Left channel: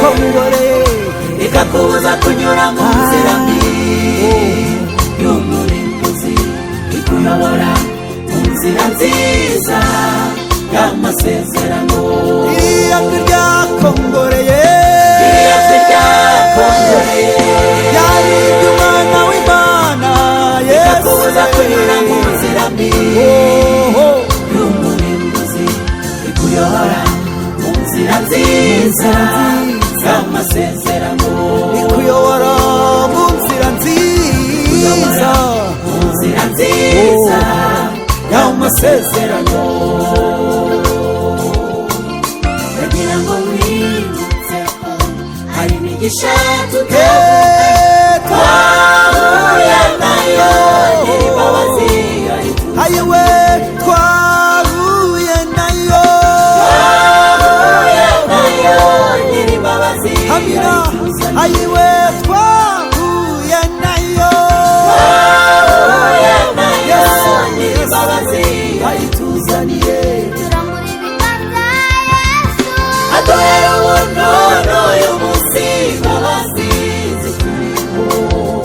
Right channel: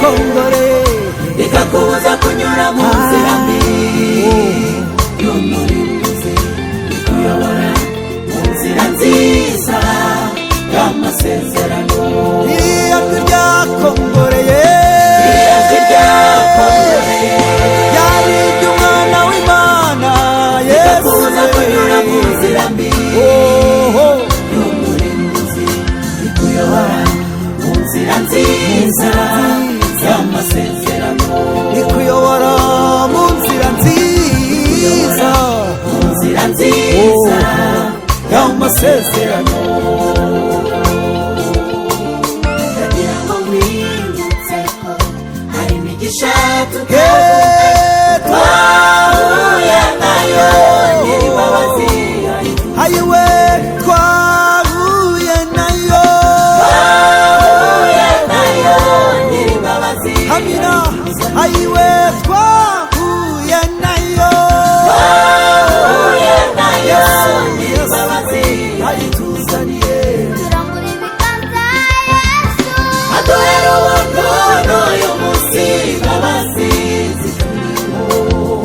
kongore ikakubuza kunyura mu nzira mbi y'umurimbuzi ikuyobora mu nzira nziza y'amasezerano. iriya ryakongoreye yari iry'umwana w'Imana Yesu kunyura mu nzira mbi y'umurimbuzi ikuyobora mu nzira nziza y'amasezerano. ikuyobora mu nzira nziza y'amasezerano. ndagira ngo mwibutse ko hari imigisha twahuye nayo hayiwe twahuye nayo hamira hayiwe twahuye nayo Yesu Yesu ayituzaniye turambura ibiganza Yesu aduhera ubuntu y'umunsi w'abasizi.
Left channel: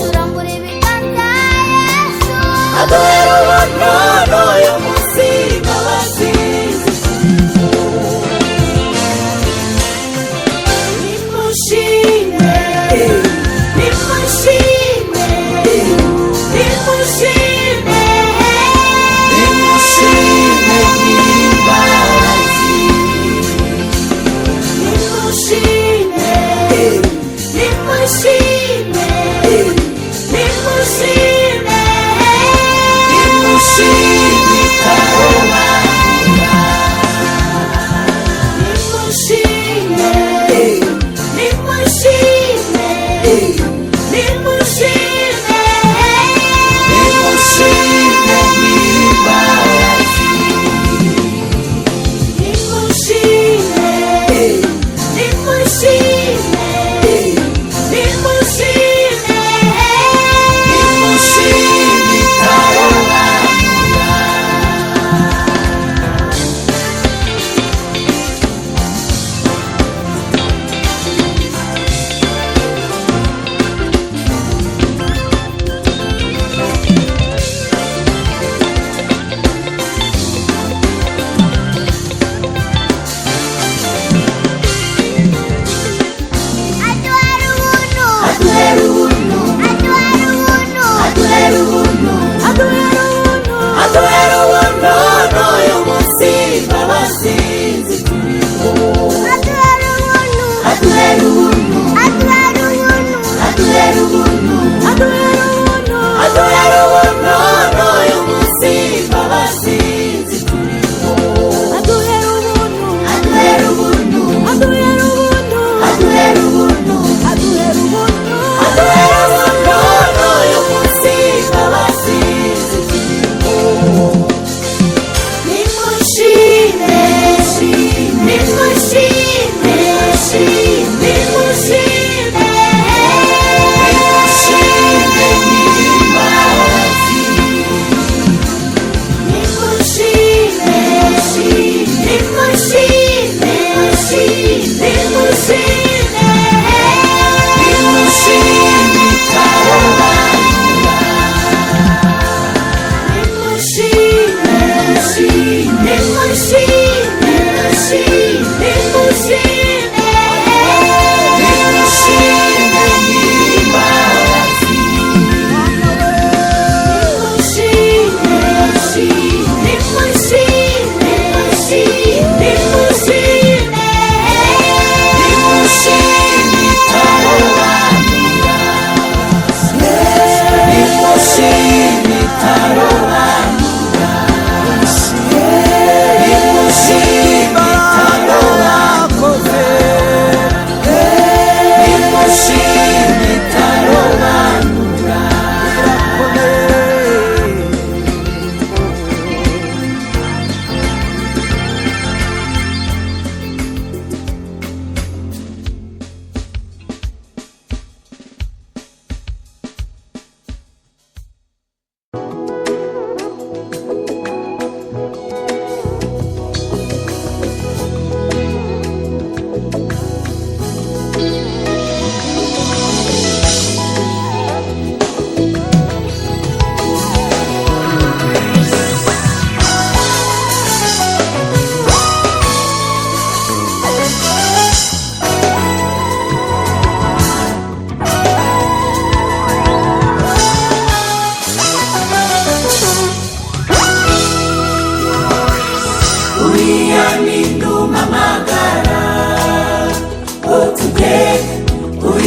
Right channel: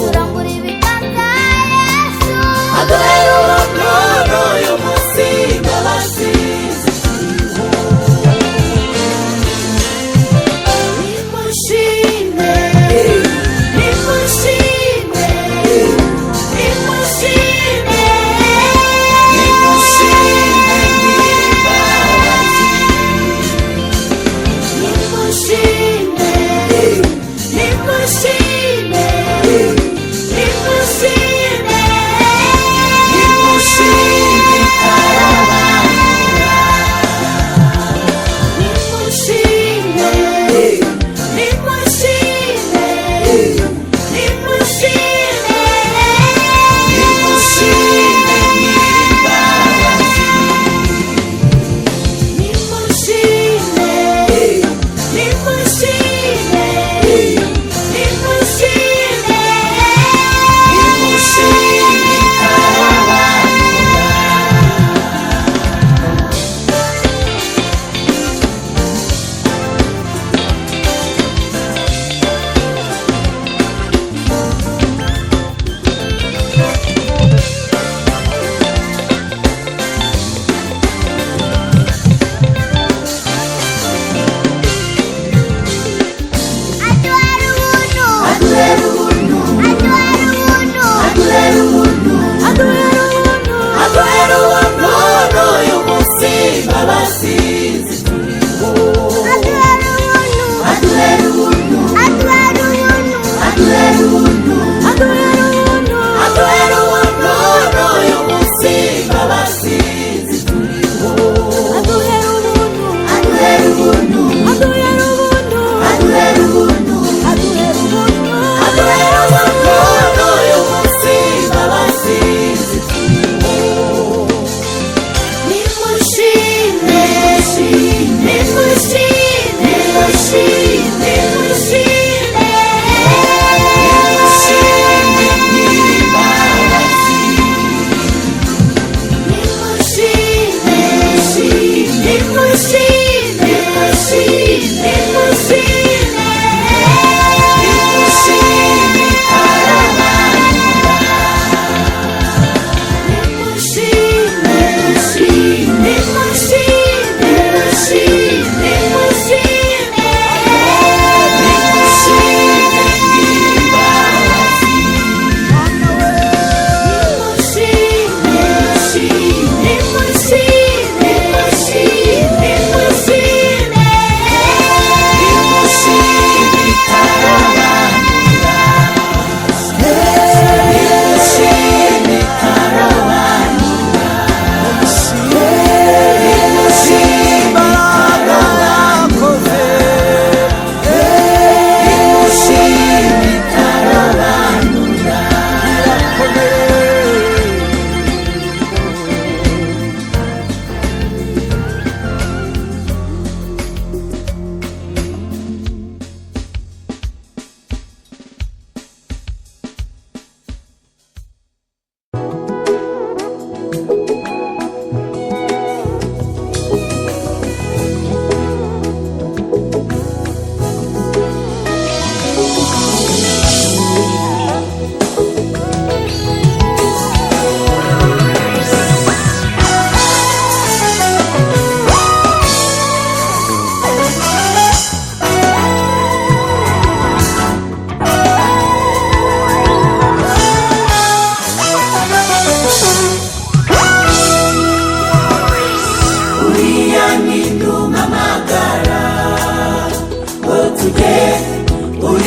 turambura ibiganza Yesu aduhera ubuntu y'umunsi w'abasizi. nimushime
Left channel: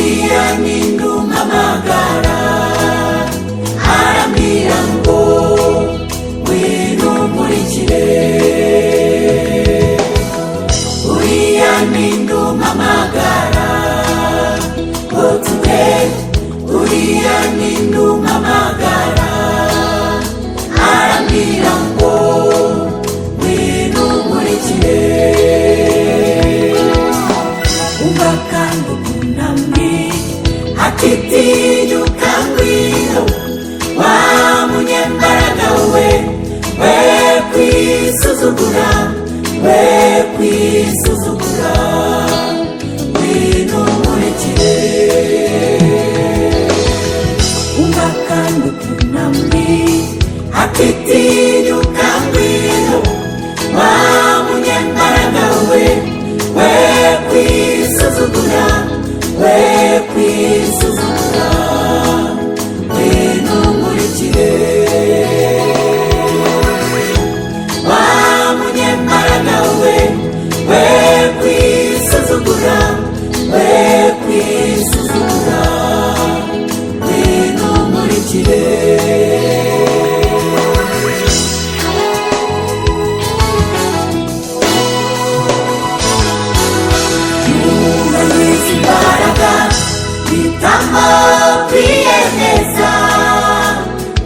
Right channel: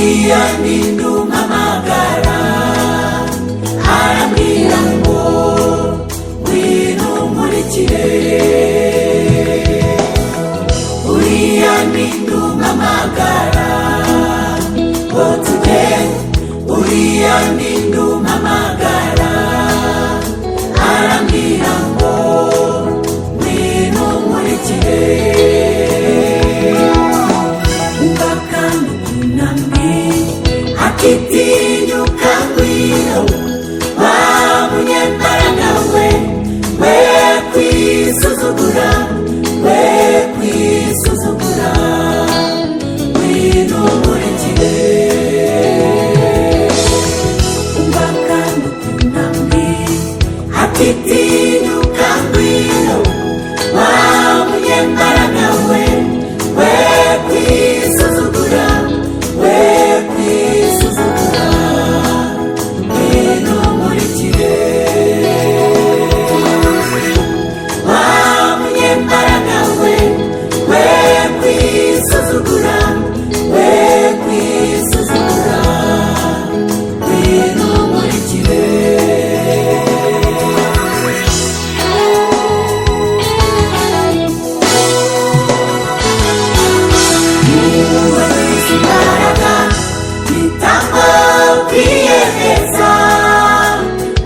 uriya ninde umpamagara arambwira ngo ngwino unkurikire. Uriya ninde umpamagara ngo tugende, uriya ninde umpamagara arambwira ngo ngwino unkurikire. Umva kandi ukunambwira ati tinyuka ngwino wa munyembaraga we, we kwisuzugura, we kwisuzugura, ngwino unkurikire. Umva kandi ukunambwira ati tinyuka ngwino wa munyembaraga we, we kwisuzugura, we kwisuzugura, ngwino unkurikire. Wa munyembaraga we, we kwisuzugura, we kwisuzugura, ngwino unkurikire.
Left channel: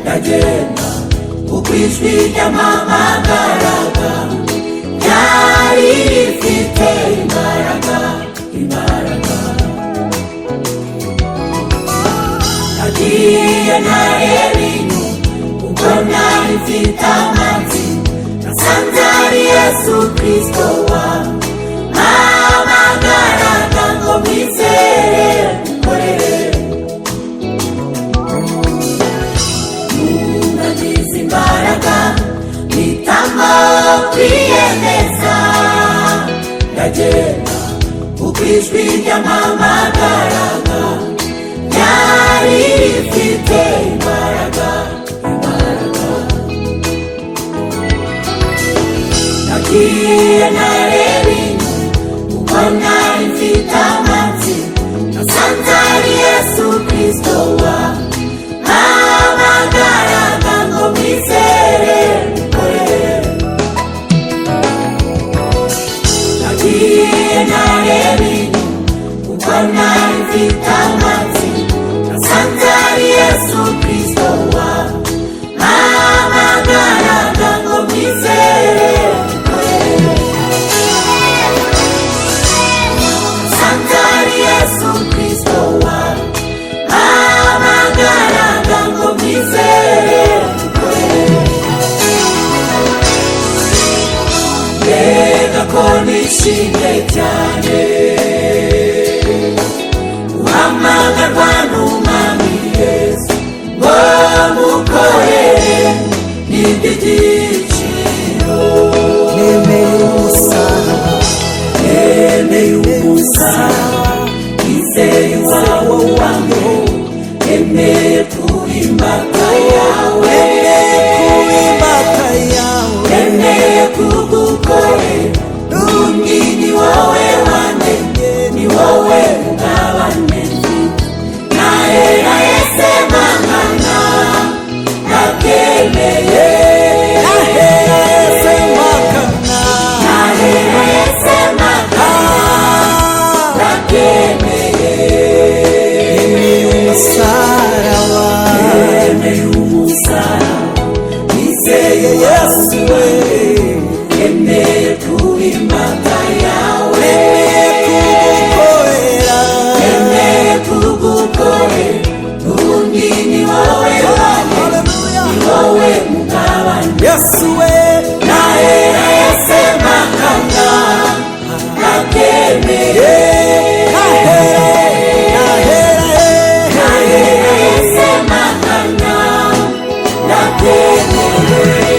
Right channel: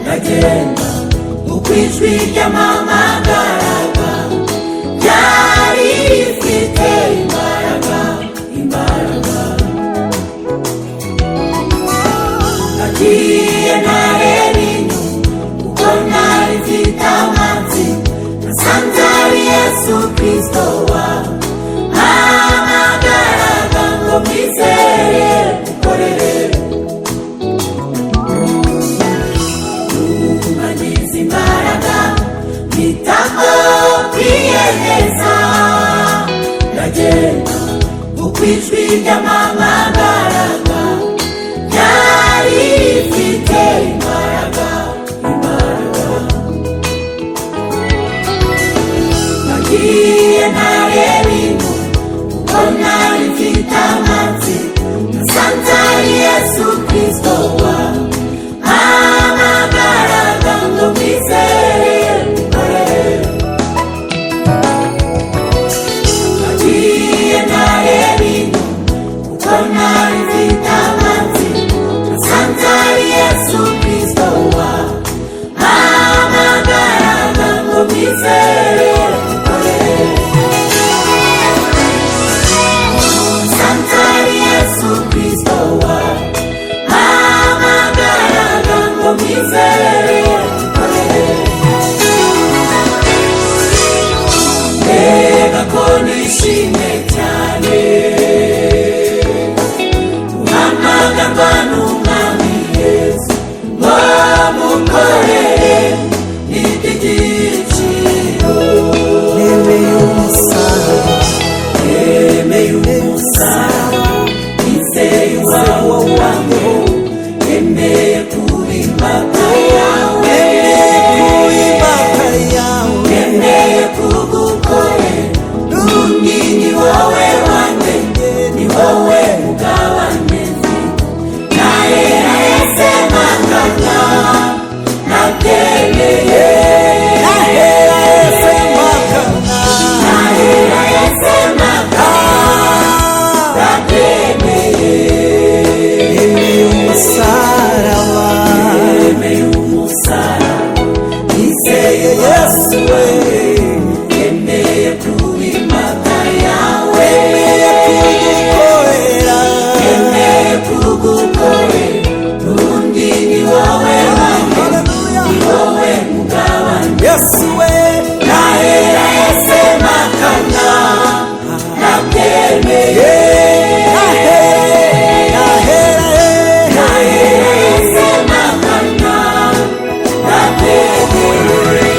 Ndagenda uko ijwi ry'ampamagaraga ryari rifite imbaraga, imbaraga. Nagiye ntareba inyuma kuko nari mfite amatsiko, nasanze ari Yesu Kristo wampamagaraga ngo mwizere mukorere. Mpitamo kwiyemeza, ndagenda uko ijwi ry'ampamagaraga ryari rifite imbaraga, imbaraga. Nagiye ntareba inyuma kuko nari mfite amatsiko, nasanze ari Yesu Kristo wampamagaraga ngo mwizere. Nari mfite amatsiko, nasanze ari Yesu Kristo wampamagaraga ngo mwizere. Nasanze ari Yesu Kristo wampamagaraga ngo mwizere. Mbega ko nishimye cyane guhamagarwa n'Umwami Yesu ngo mukorere n'iby'igiciro. nemeye umusaraba, Nemeye umusaraba, nizeye iwawe wanjyeho, nemeye kuba imbata yawe, nemeye kuba imbata yawe, nemeye kugukorera. N'ubundi ni wowe wanjye, ni wowe mugabane mfite. Nahera Yesu mpangana, ndabyemeye. nahera Yesu mpakana, Nahera Yesu mpangana, ndabyemeye. nemeye umusaraba, Nemeye umusaraba, nizeye Yesu we, nemeye kuba imbata yawe, nemeye kugukorera, nemeye kugukorera. N'ubundi ni wowe wanjye, haleluya, ni wowe mugabane. Yesu we, Nahera Yesu mpakana, ndabyemeye. nahera Yesu mpakana, ndabyemeye.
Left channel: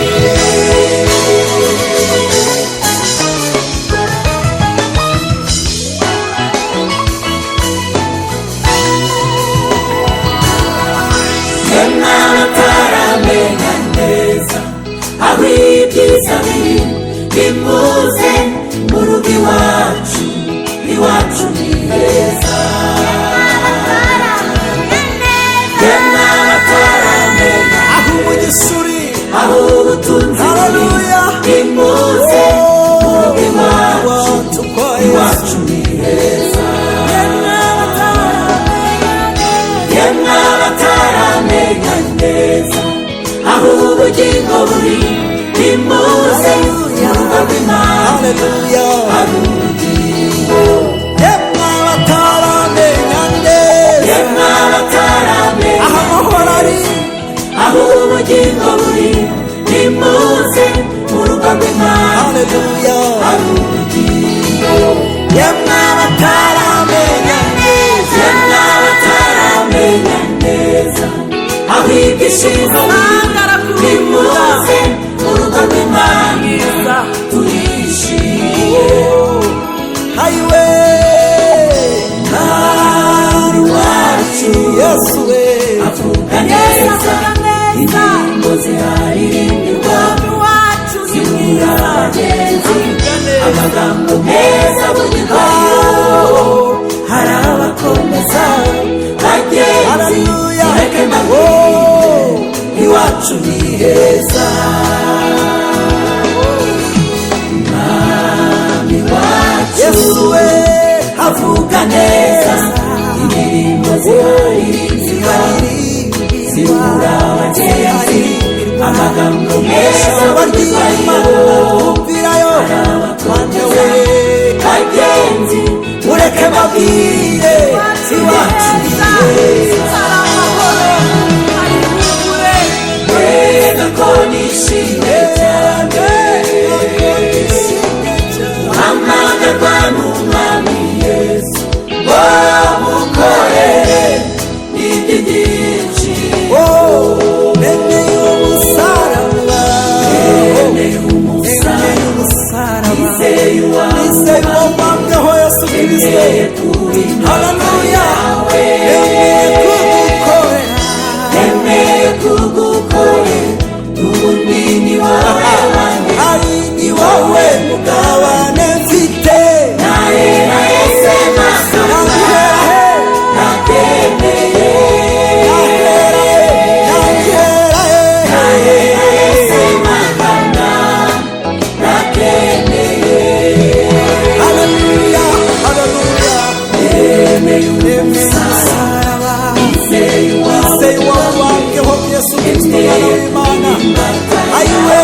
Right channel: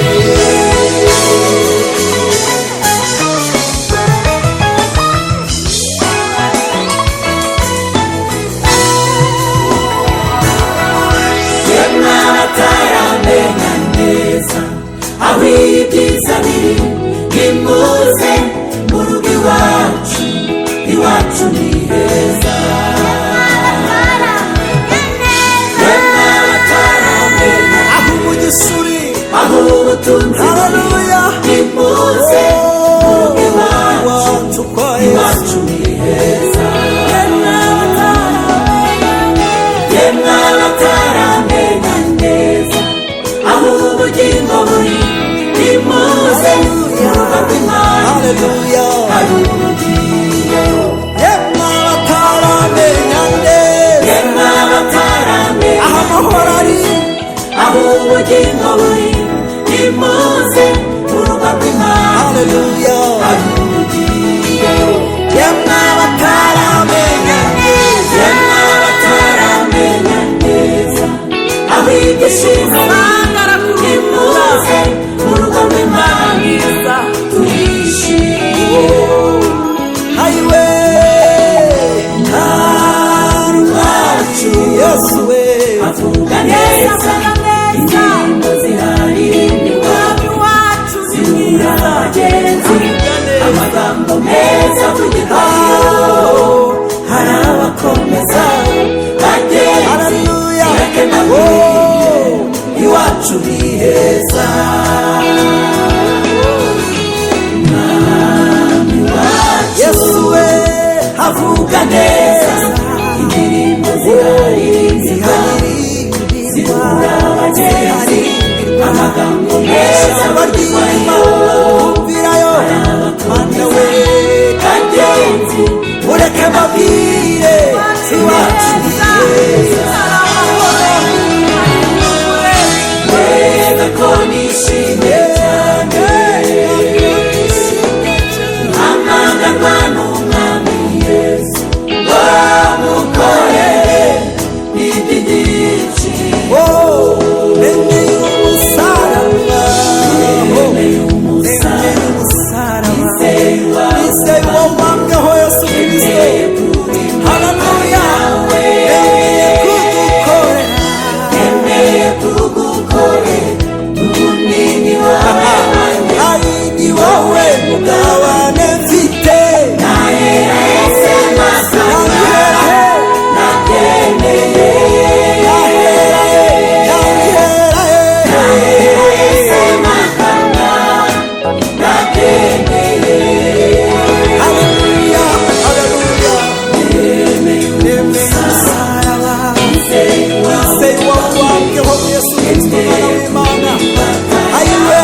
Yemwe abataramenya neza aho ibyiza biri, nimuze mu rugo iwacu, iwacu ni heza. haleluya hari ubugingo yemwe abataramenya neza yemwe abataramenya aho amahoro ari aho ubugingo buri nimuze mu rugo rw'Imana haleluya hari ubugingo yemwe abataramenya neza yemwe abataramenya neza aho ibyishimo nimuze mu rugo rw'Imana turishimye hayiwe ntarumwacu yesu we avuga neza indirimbo ziraririmbiwe zibura abagenzi amagambo meza bugirwayo hari abakomeza bagenzi haleluya mureke mbabwire iwacu ni heza umwami wacu yesu we avuga neza indirimbo ziraririmbiwe zibura abagenzi amagambo meza ijambo ry'Imana twumvirayo mana we bagenzi mureke mbabwire iwacu ni heza mbega ko nishimye hamagarwa n'umwami Yesu ngo mukorere iby'igiciro nemeye umusaraba nemeye umusaraba umusaraba nizeye uwo wambweho Yesu Kristo haleluya nemeye kugukorera nemeye kugukorera ubundi ni wowe ari ni wowe mugabane mfite nahera ese masaba nahera he natemeye nahera he nahera he ese makana natemeye haleluya haleluya nemeye nemeye umusaraba nizeye uwo wambweho Yesu Kristo mwana w'Imana ayiwe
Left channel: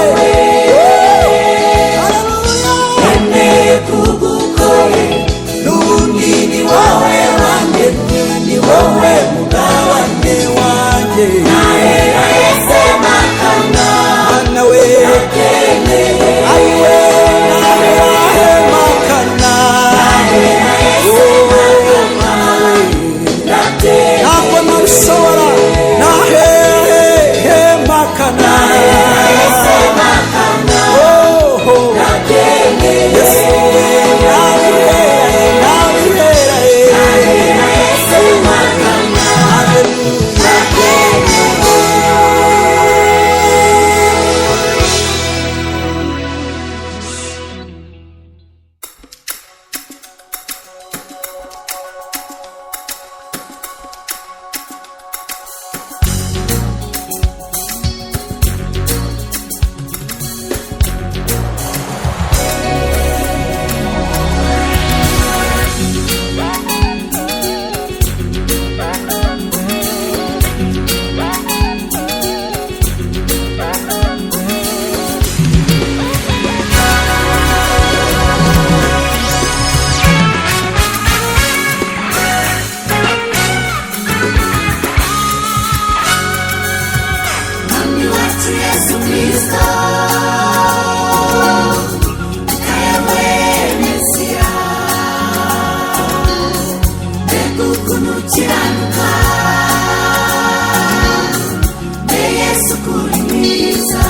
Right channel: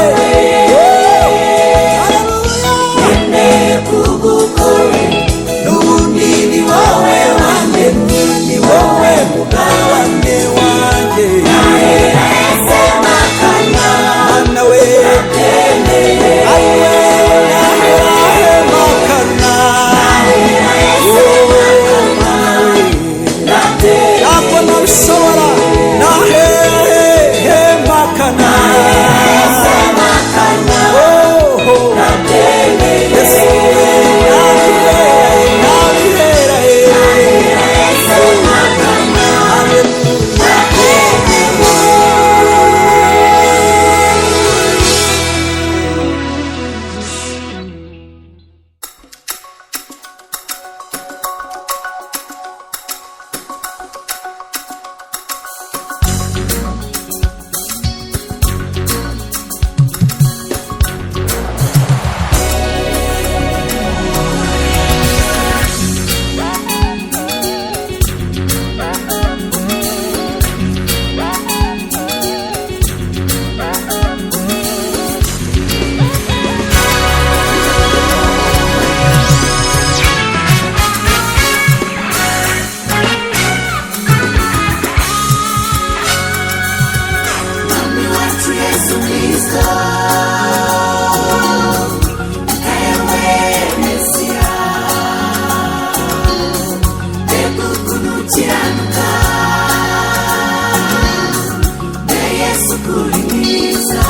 haleluya nemeye kugukorera n'ubundi ni wowe wandemye ni wowe mugabane wanjye nahera ese makana mana we ayiwe nahera he makana mana we ntabwo nabishobora nahera he makana yesu we nabihera he Mwami wacu Yesu Kristo ewe Mesiya mbega ukuntu ukiranuka mbe Yesu kuri mwiza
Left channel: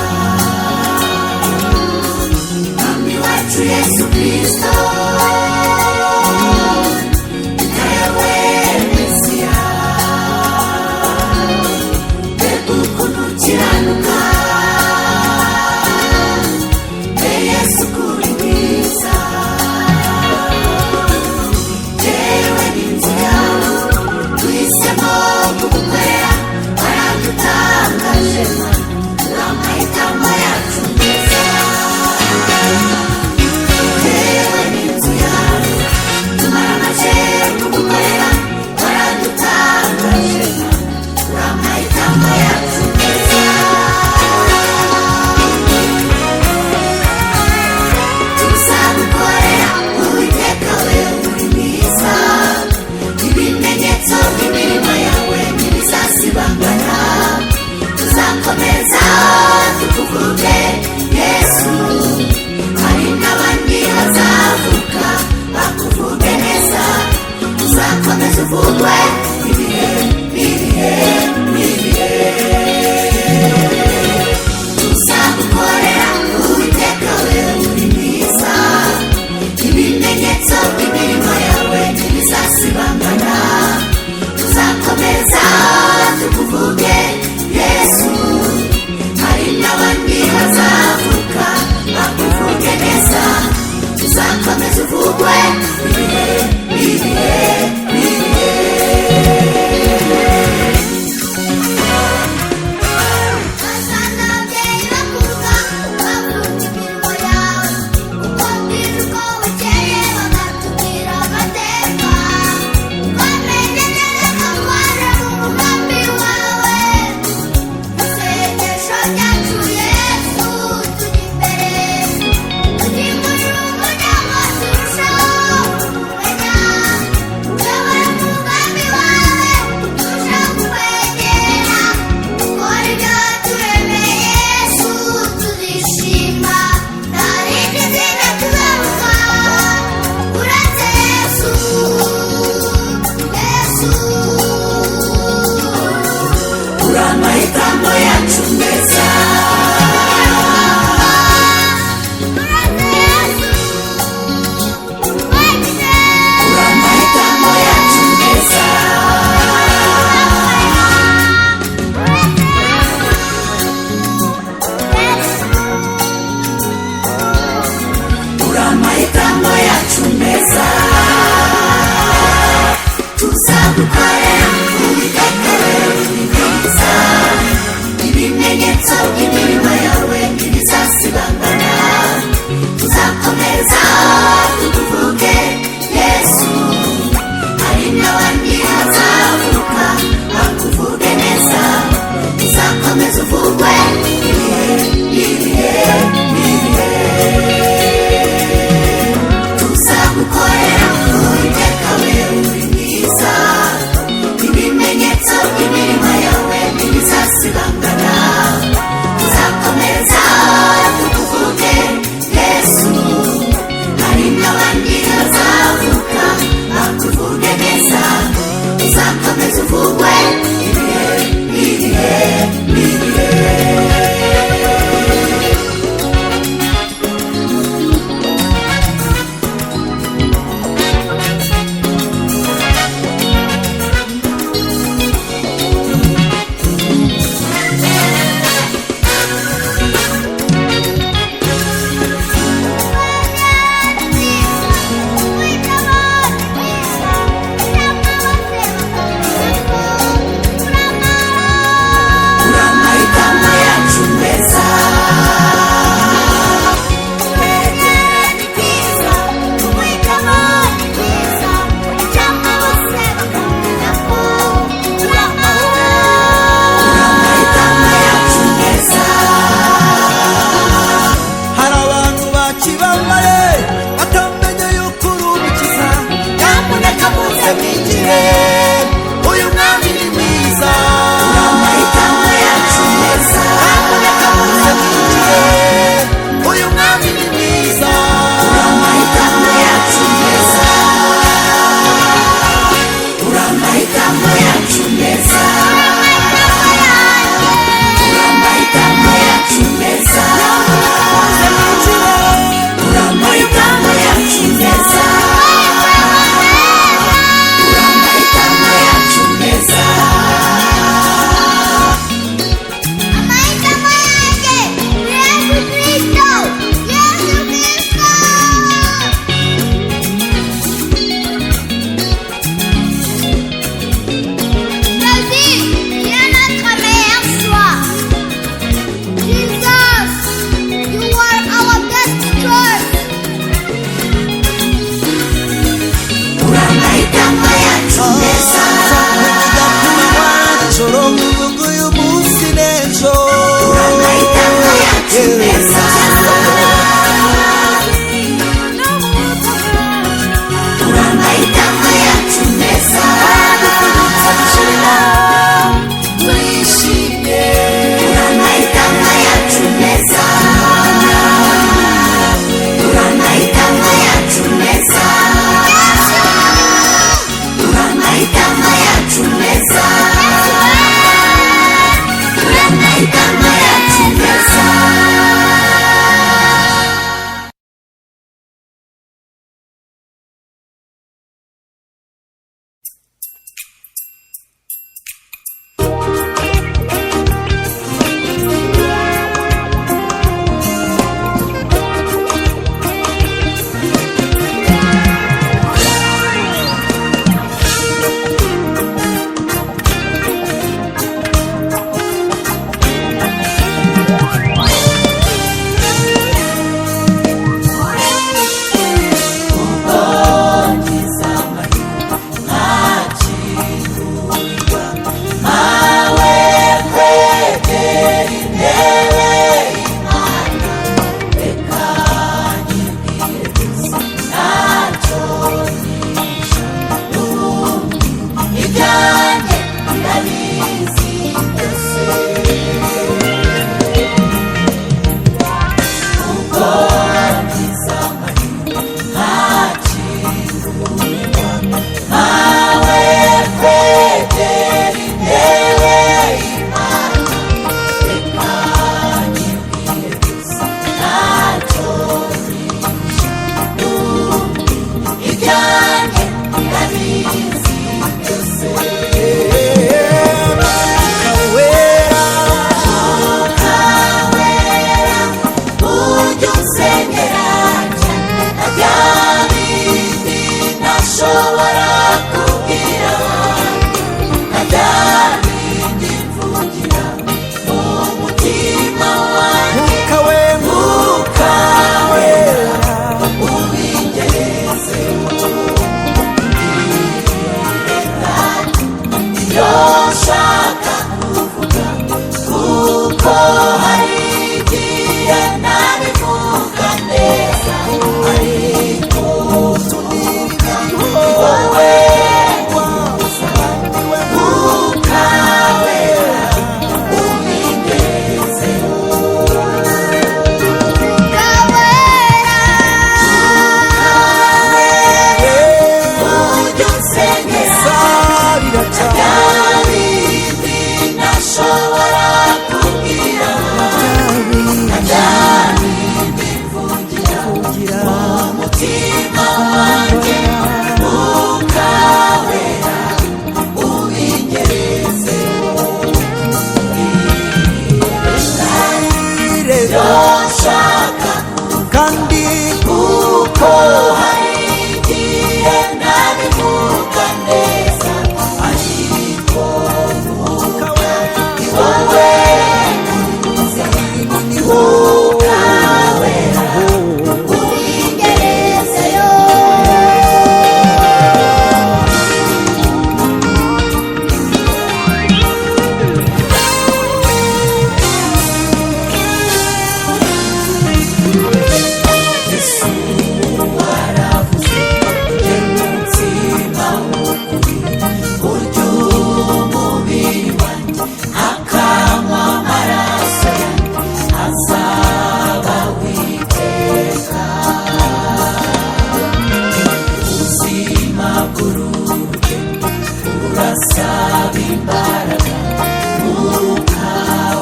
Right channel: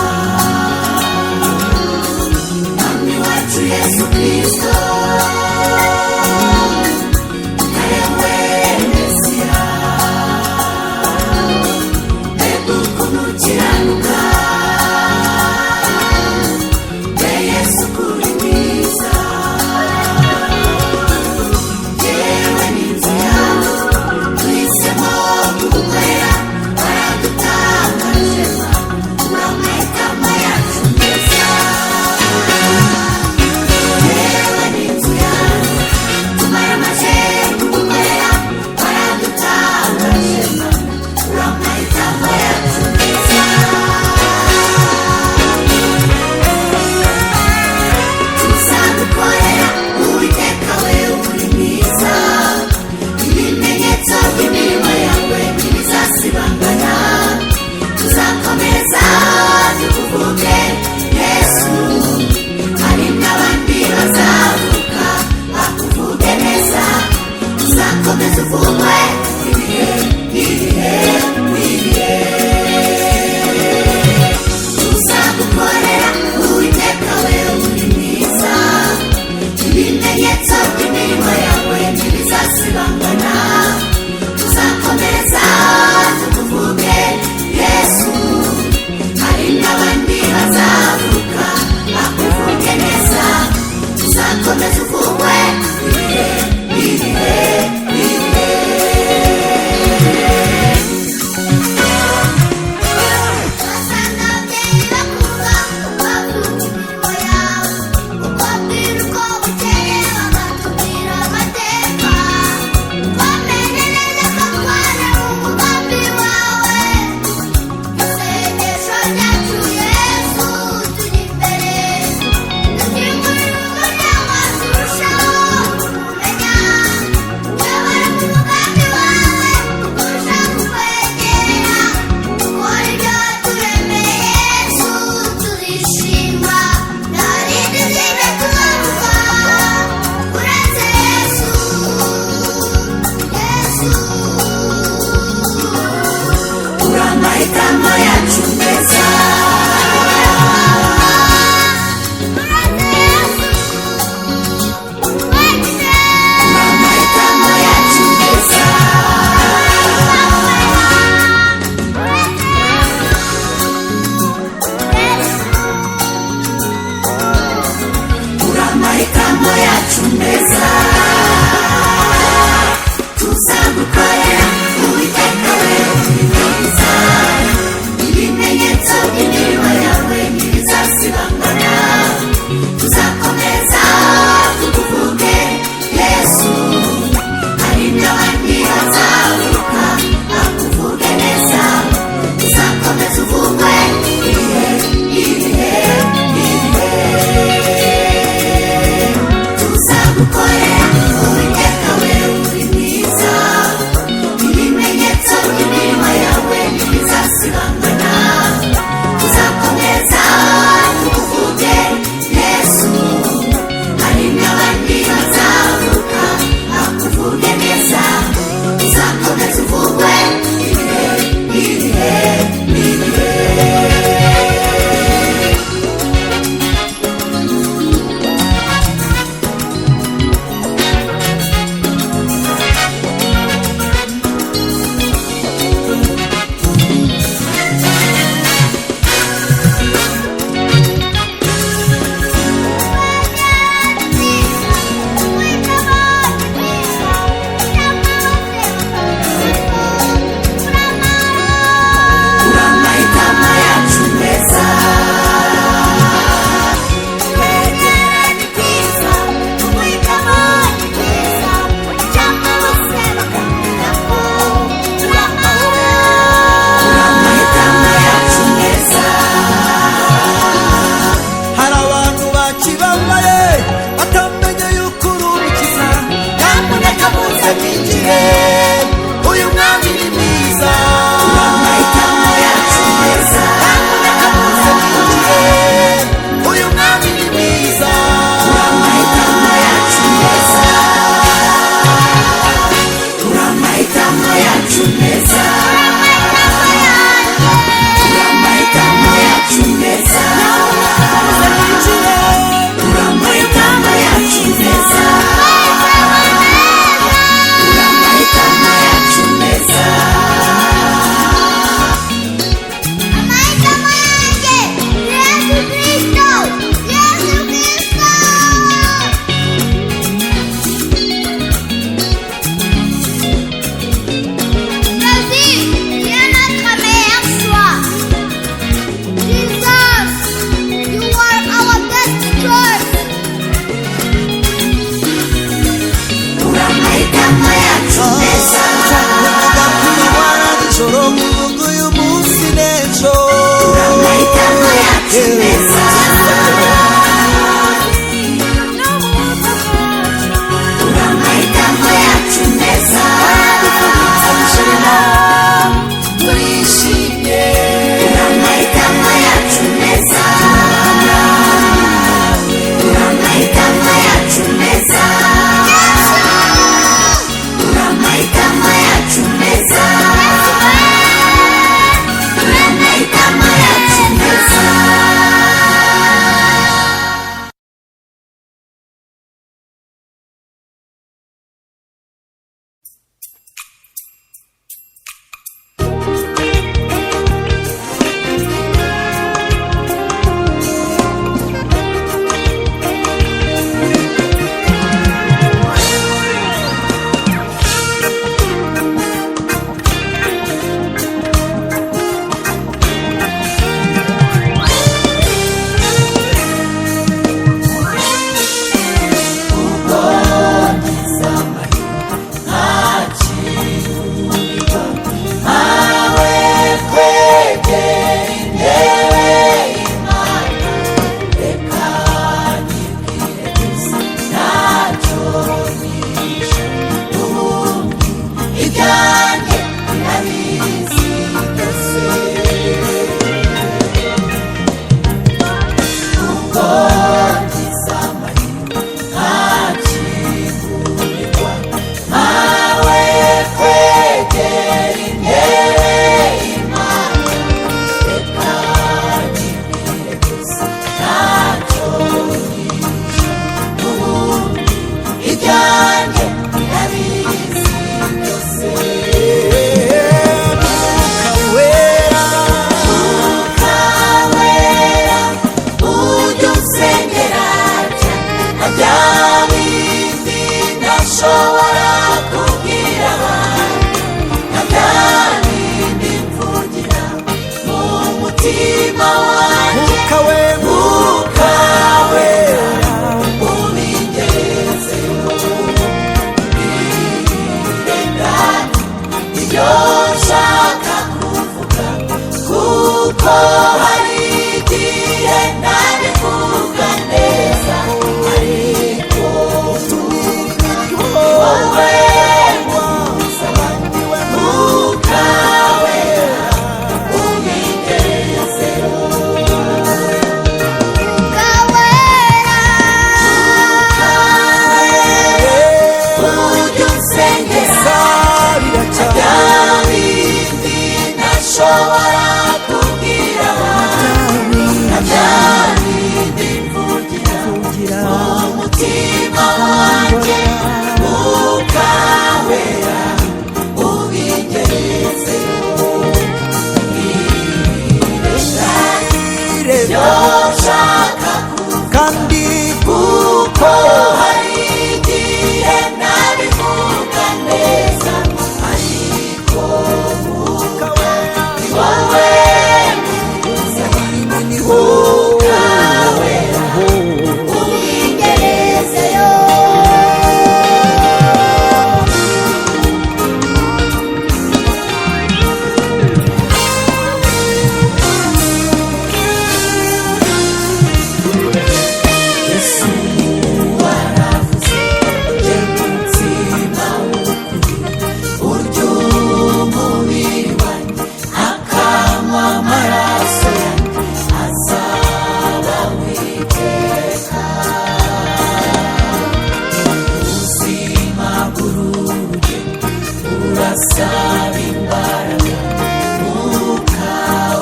Mwami wacu Yesu Kristo ewe Mesiya mbega ukuntu ukiranuka mbe Yesu kuri mwiza jyewe n'inzu yawe twese ibyanjye birabizi byose ubwo wagize amahirwe ntakingurirwa ntawe kwegera intebe y'Imana reka nyibwire gusa ntacyo nishe ibyanjye birabizi byose Mwuka wera ujya unsengera cyane na bya bindi ntashobora kubwira abandi na bya bindi mvugira mu mutima wanjye Mwuka wera ubingezeho reka ibyo nshaka kuvuga kuko hari igihe ntabivuga neza ariko tunibiriho wowe niwe Mwuka wera ubingezeho Mwuka wera ujya unsengera sabira cyane bya bindi ntashobora kubwira abandi na bya bindi mvugira kugira umutima wanjye Mwuka wera ubingezeho ireba nshaka kandi kuko hari igihe ntabivuga neza ariko Mwuka wera wowe niho ubingerezeyo waravuze ujye mutima w'ukuri burya umubiri wanjye akanywa amaraso yanjye azaba witeka ubuzima bw'uruge burasaba imbaraga Mwuka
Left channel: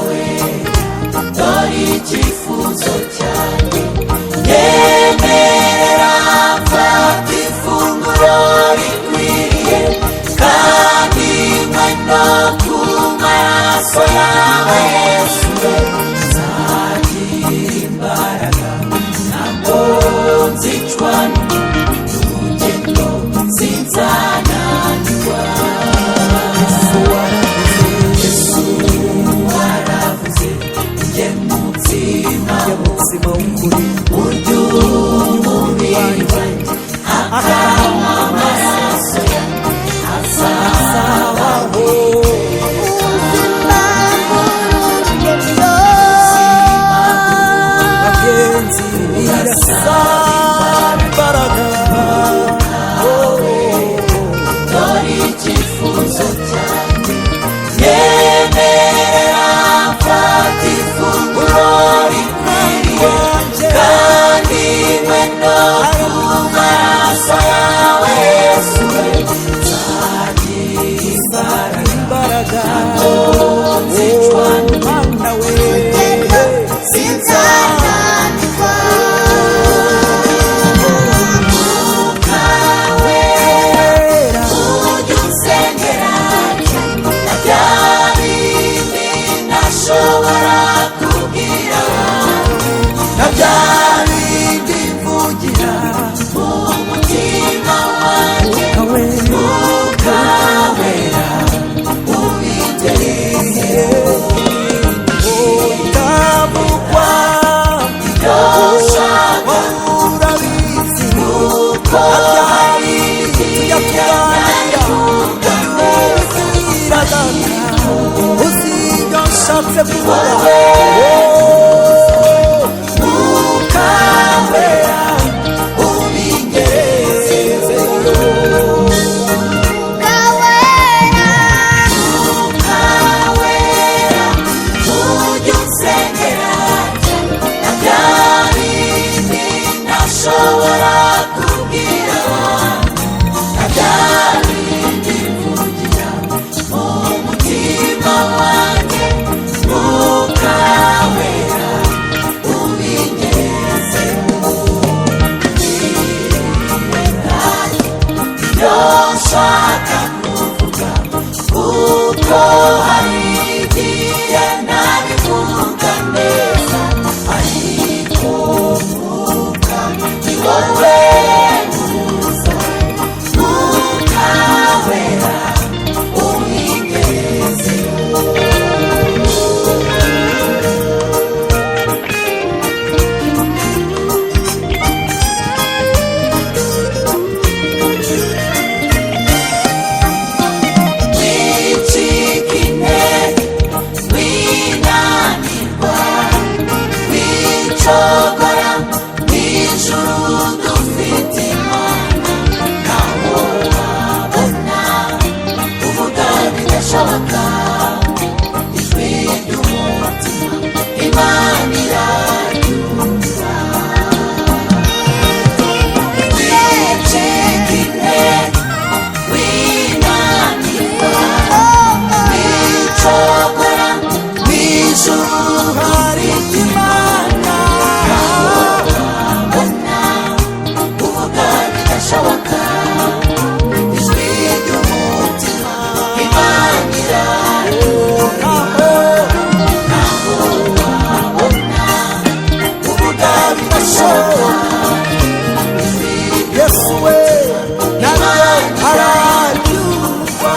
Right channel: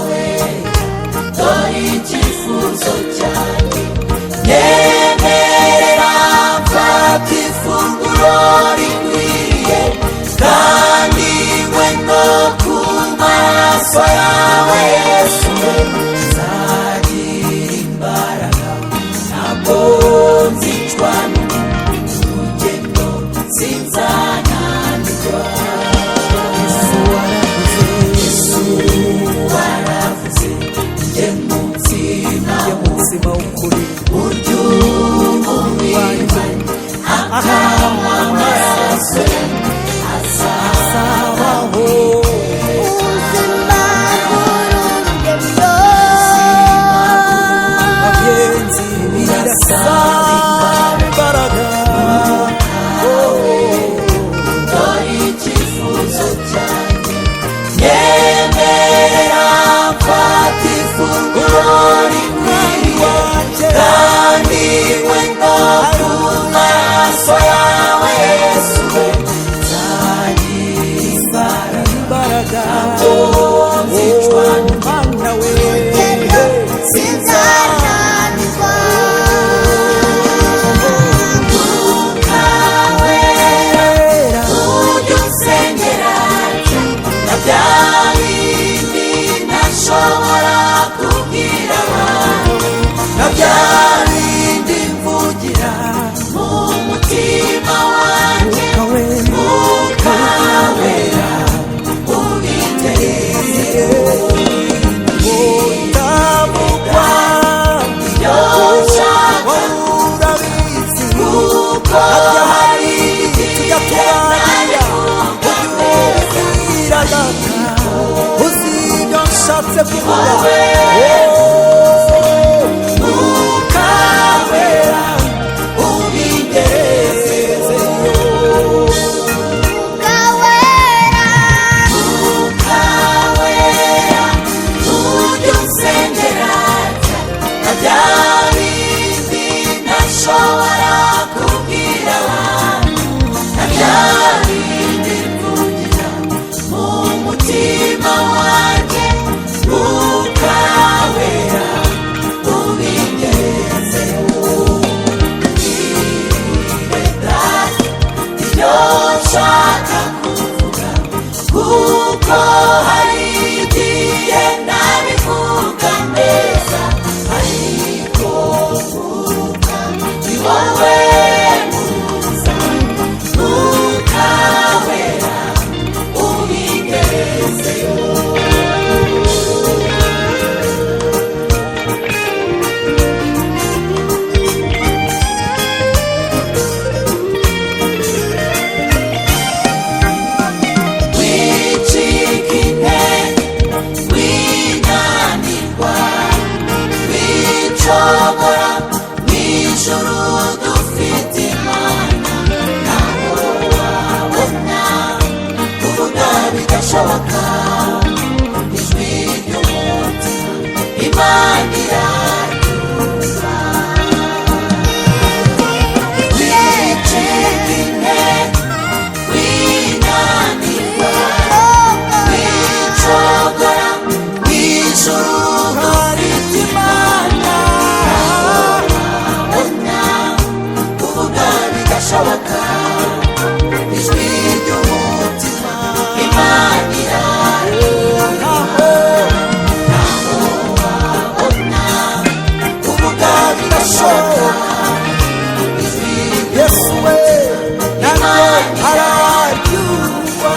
wera dore icyifuzo cyanjye nyemerera mfata ifunguro rikwiriye kandi nywe no ku maraso yawe Yesu we nzagira imbaraga ntabwo nzicwa n'urugendo sinzananirwa Yesu waravuze ujye mutima mutsima w'ukuri burya umubiri wanjye akanywa amaraso yanjye azabaho ubuzima bw'urugendo bagenzi birasaba imbaraga dore icyifuzo cyanjye nyemerera mfata ifunguro rikwiriye wanjye kandi nywe no ku maraso yawe Yesu we nzagira imbaraga imbaraga mana we urugendo sinzananirwa Mwuka wera ujya unsengera na bya bindi ntashobora kubwira abandi na bya bindi mvugira mu mutima wanjye Mwuka wera ubingezeho utabukwa urabizi na bya bindi tujya tuganira ujya ubibwira data uzi ibyo nshatse kuvuga Mwuka wera ubingezeyo Mwuka wera bigashoboka ijwi ry'umutima Imana iraryumva wicika intege winanirwa wicogora mw'ijuru hari Imana wabona kuvuga bigashoboka ijwi ry'umutima Imana iraryumva aho wabona kuvuga bigashoboka Yesu we nabyo arabyumva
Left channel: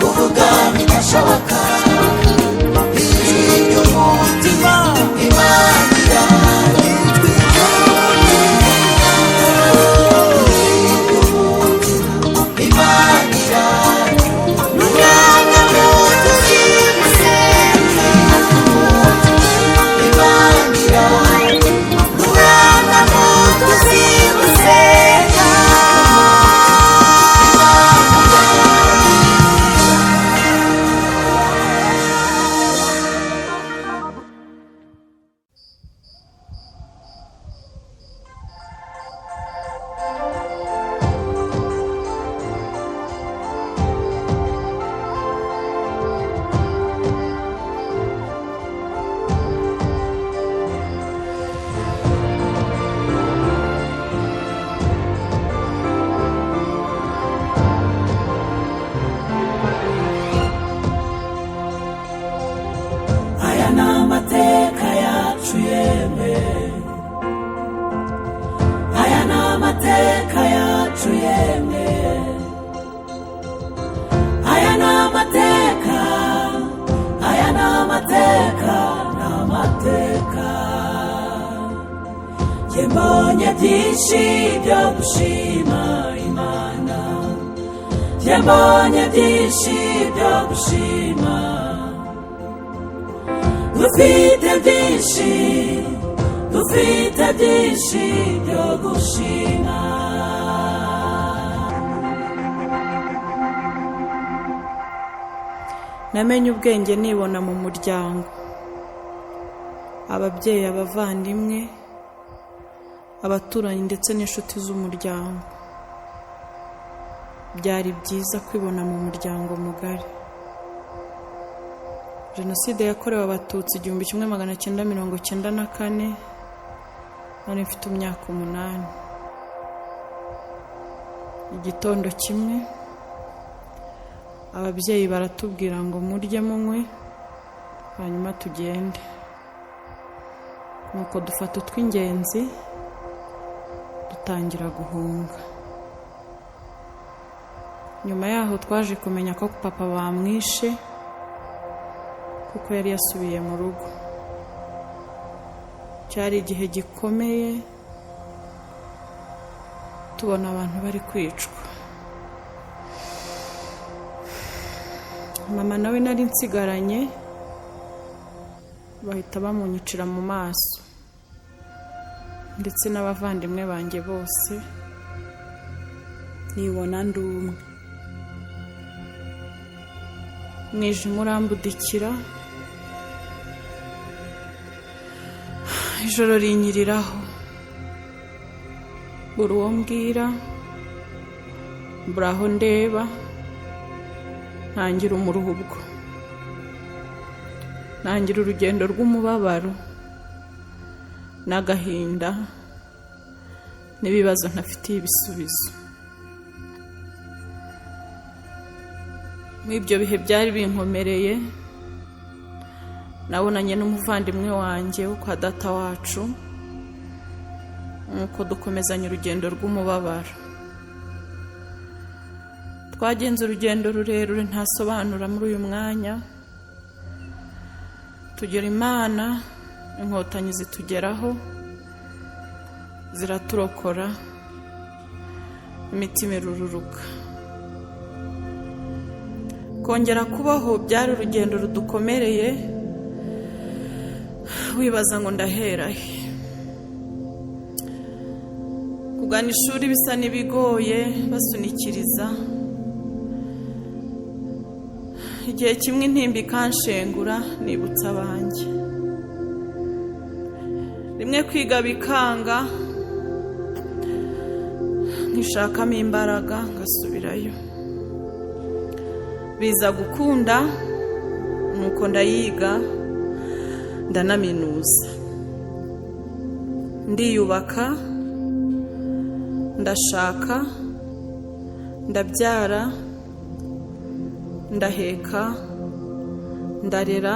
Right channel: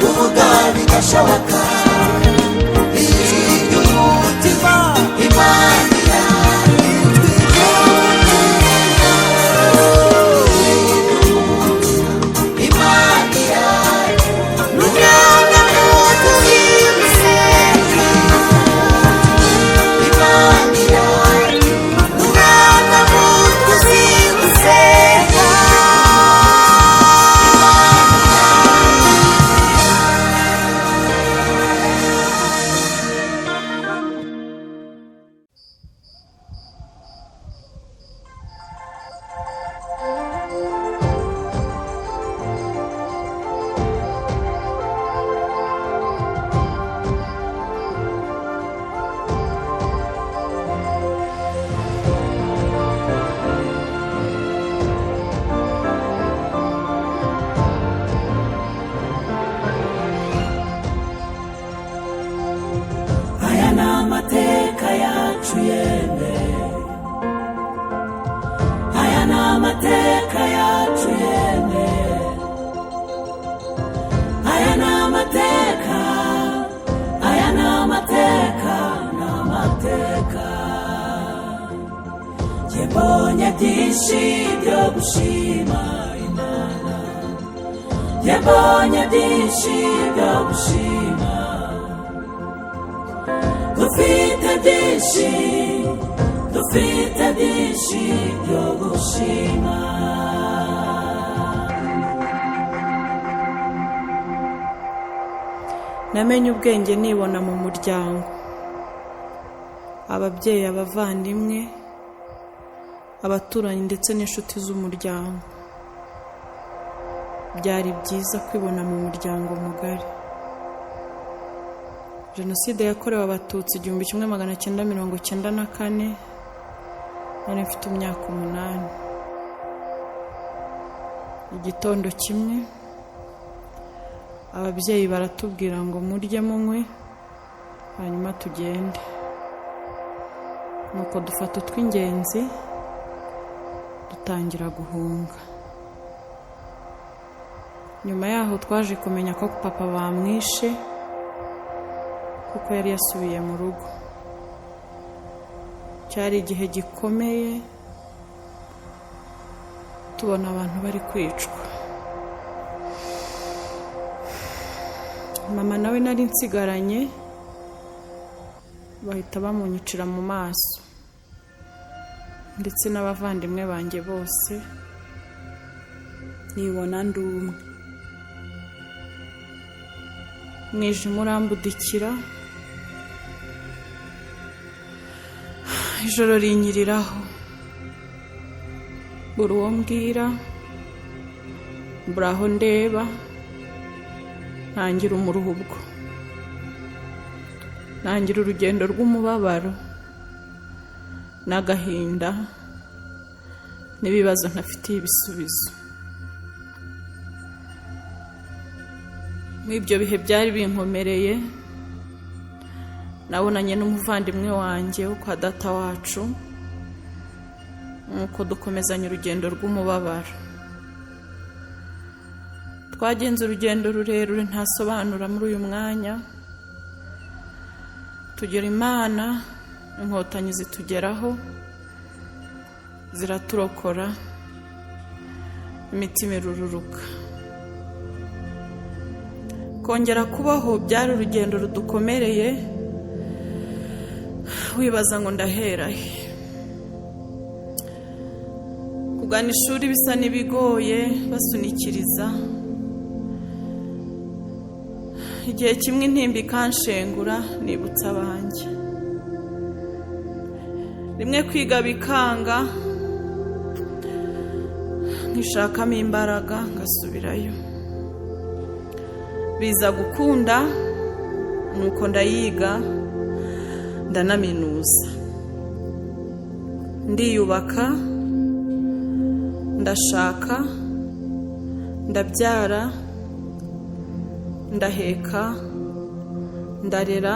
kuvuga bigashoboka ijwi ry'umutima Imana iraryumva ijwi ry'umutima Imana iraryumva Umwana muto uzi gusenga Imana iraryumva Umwana muto uzi gusenga aya ni amateka yacu yemwe aya ni amateka yacu yemwe aya ni amateka aya ni amateka ni amateka njye mbonye byinshi byo gushima Imana njye mbonye byinshi byo gushima dufite byinshi byo gushima namenye ubwenge nibona mu muryango ababyeyi abavandimwe abaturanyi ndetse n'inshuti z'umuryango byari byiza kwibona mu muryango mugari Jenoside yakorewe Abatutsi 1994 nari mfite imyaka 8 igitondo kimwe ababyeyi baratubwira ngo murye munywe hanyuma tugende nuko dufata utw'ingenzi dutangira guhunga nyuma yaho twaje kumenya ko papa bamwishe kuko yari yasubiye mu rugo cyari igihe gikomeye tubona abantu bari kwicwa mama nawe nari nsigaranye bahita bamunyicira mu maso ndetse n'abavandimwe banjye bose nibona ndumwe mwijima urambudikira ijoro rinyiriraho buri uwo mbwira mburaho ndeba ntangira umuruhubwo ntangira urugendo rw'umubabaro n'agahinda n'ibibazo ntafitiye ibisubizo muri ibyo bihe byari binkomereye nabonanye n'umuvandimwe wanjye wo kwa data wacu nuko dukomezanya urugendo rw'umubabaro twagenze urugendo rurerure ntasobanura muri uyu mwanya tugera Imana inkotanyi zitugeraho ziraturokora imitima irururuka kongera kubaho byari urugendo rudukomereye wibaza ngo ndahera he kugana ishuri bisa n'ibigoye basunikiriza. Igihe kimwe intimba ikanshengura nibutsa abanjye. Rimwe kwiga bikanga nkishakamo imbaraga ngasubirayo. Biza gukunda nuko ndayiga ndanaminuza. Ndiyubaka, ndashaka, ndabyara, ndaheka, ndarera,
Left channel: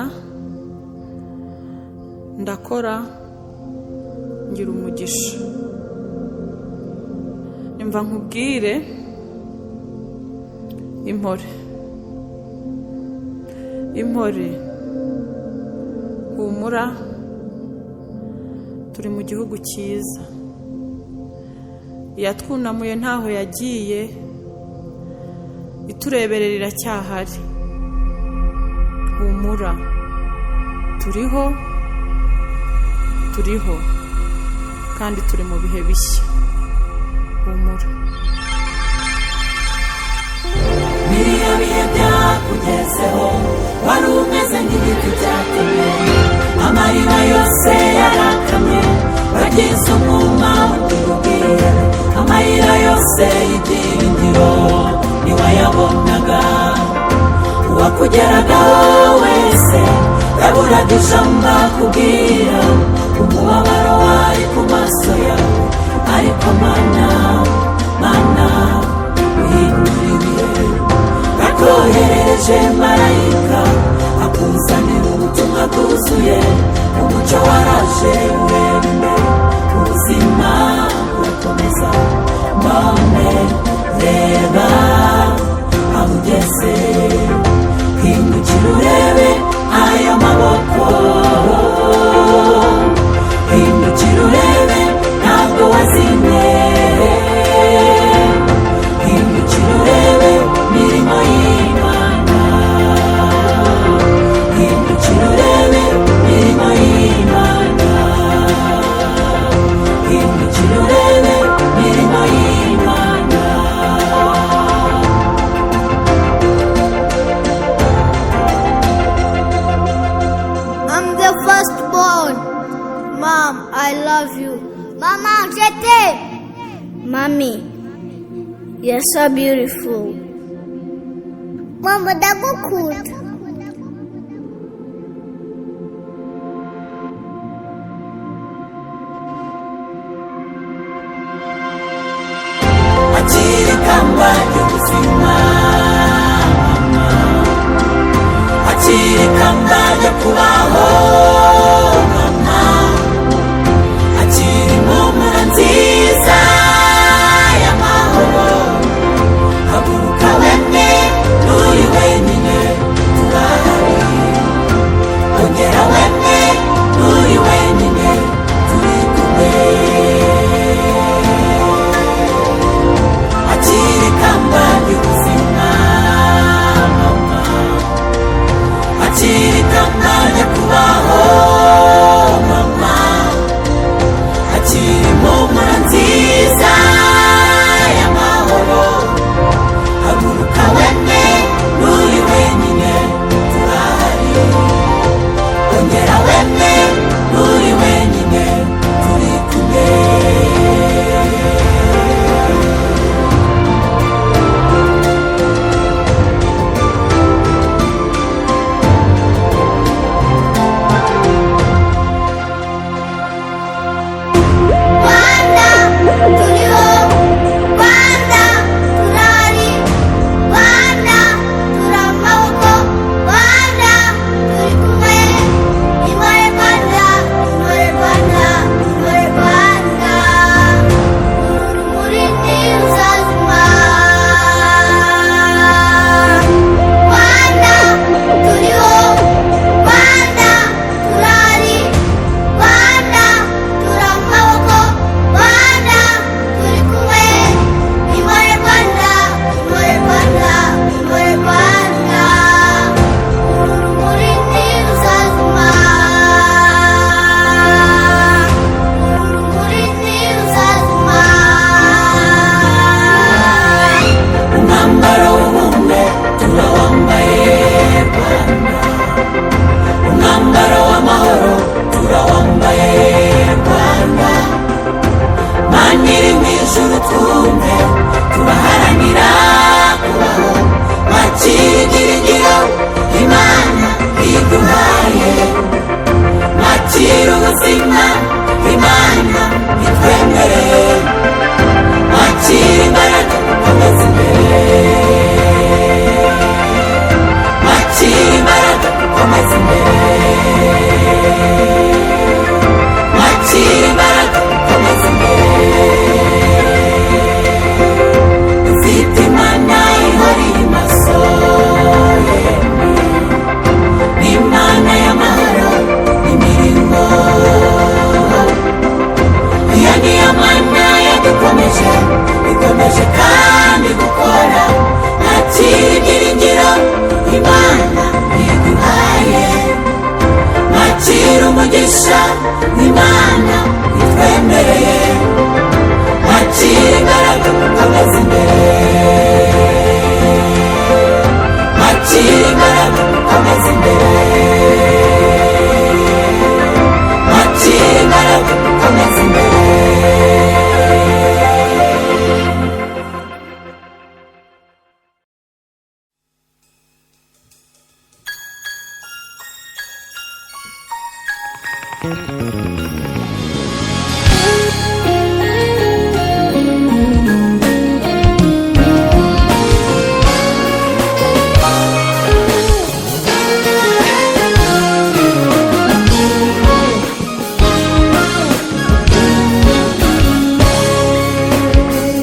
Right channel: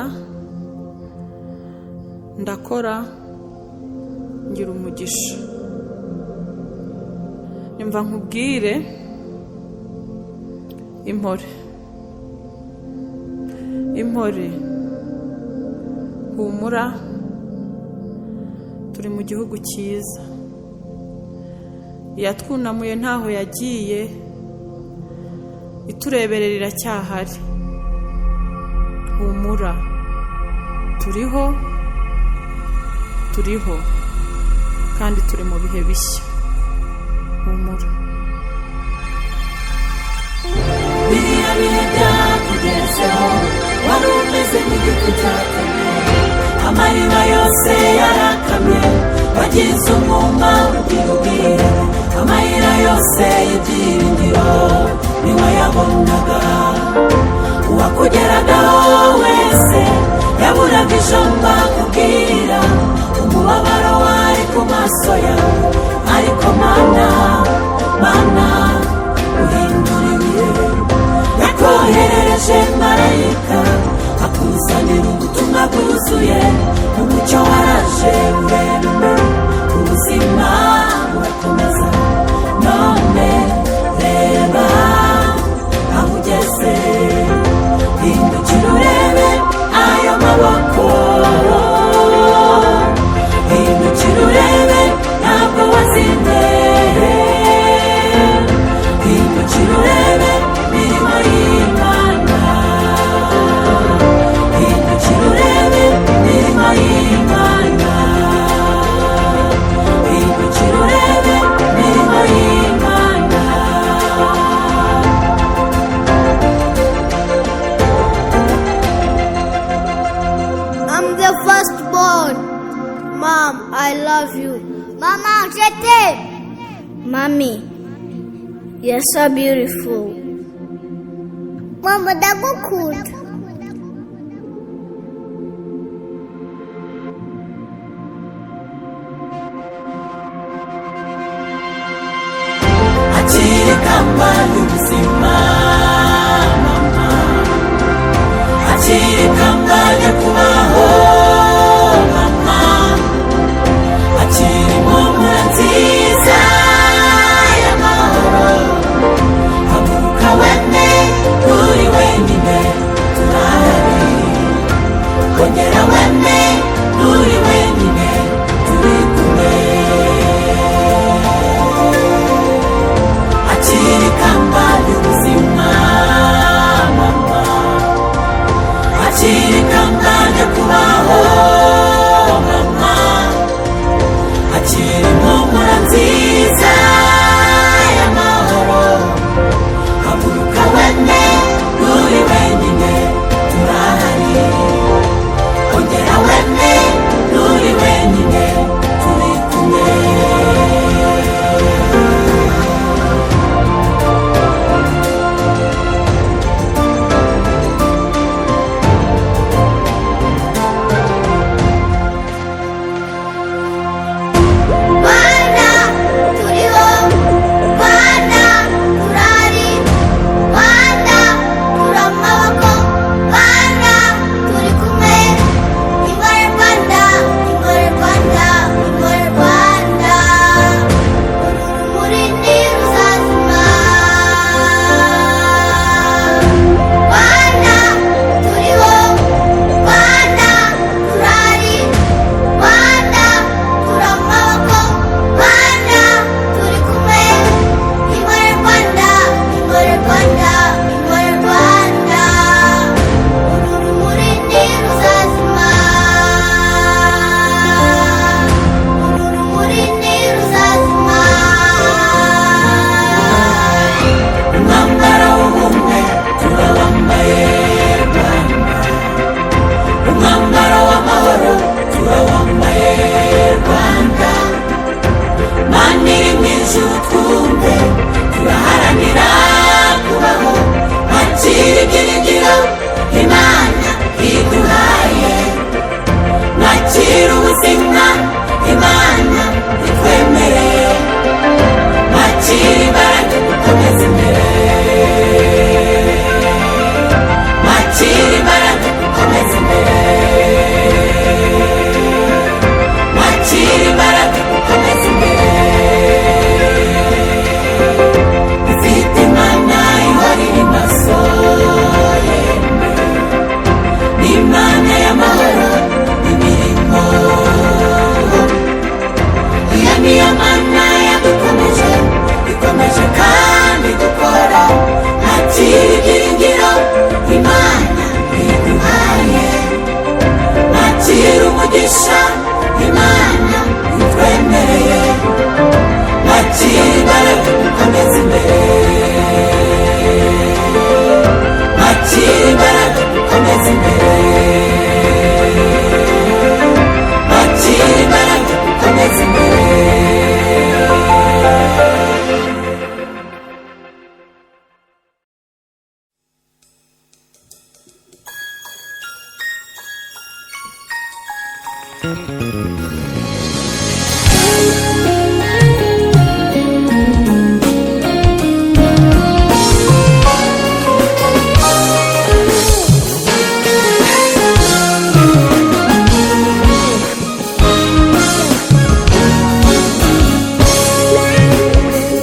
ndakora, ngira umugisha. Nyumva nkubwire impore, impore, humura, turi mu gihugu cyiza. Yatwunamuye ntaho yagiye, itureberera iracyahari. Humura, turiho kandi turi mu bihe bishya. Humura. biriya bihe byakugezeho wari umeze nk'igiti cyatemwe, amariba yose yarakamye, wagize umwuma ugira ubwire, amayira yose y'ibyiringiro ntiwayabonaga. Uwakugeragaho wese yaburaga ijambo akubwira, umubabaro wari ku maso yawe, ariko mana uhindura ibihe. Yakohereje marayika akuzanira ubutumwa bwuzuye, umucyo waraje urembe, ubuzima burakomeza. None reba aho ugeze, hindukira urebe ayo maboko, hindukira urebe ntabwo wazimye, hindukira urebe mirimo y'Imana, hindukira urebe mirimo y'Imana, hindukira urebe mirimo y'Imana. I'm the firstborn. Mom, I love you. Mama, je t'aime. Mommy, you're so beautiful. Mama, ndagukunda. Akiri kamba y'ubuzima mama, akiri kamba ryo kubaho mama, akiri impumuro nziza y'amahoro. Haguruka wemye nturi wenyine,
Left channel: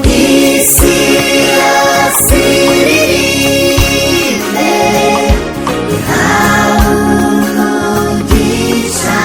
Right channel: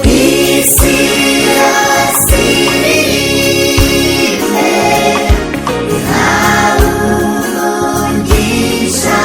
isi yose iririmbe ihawe umugisha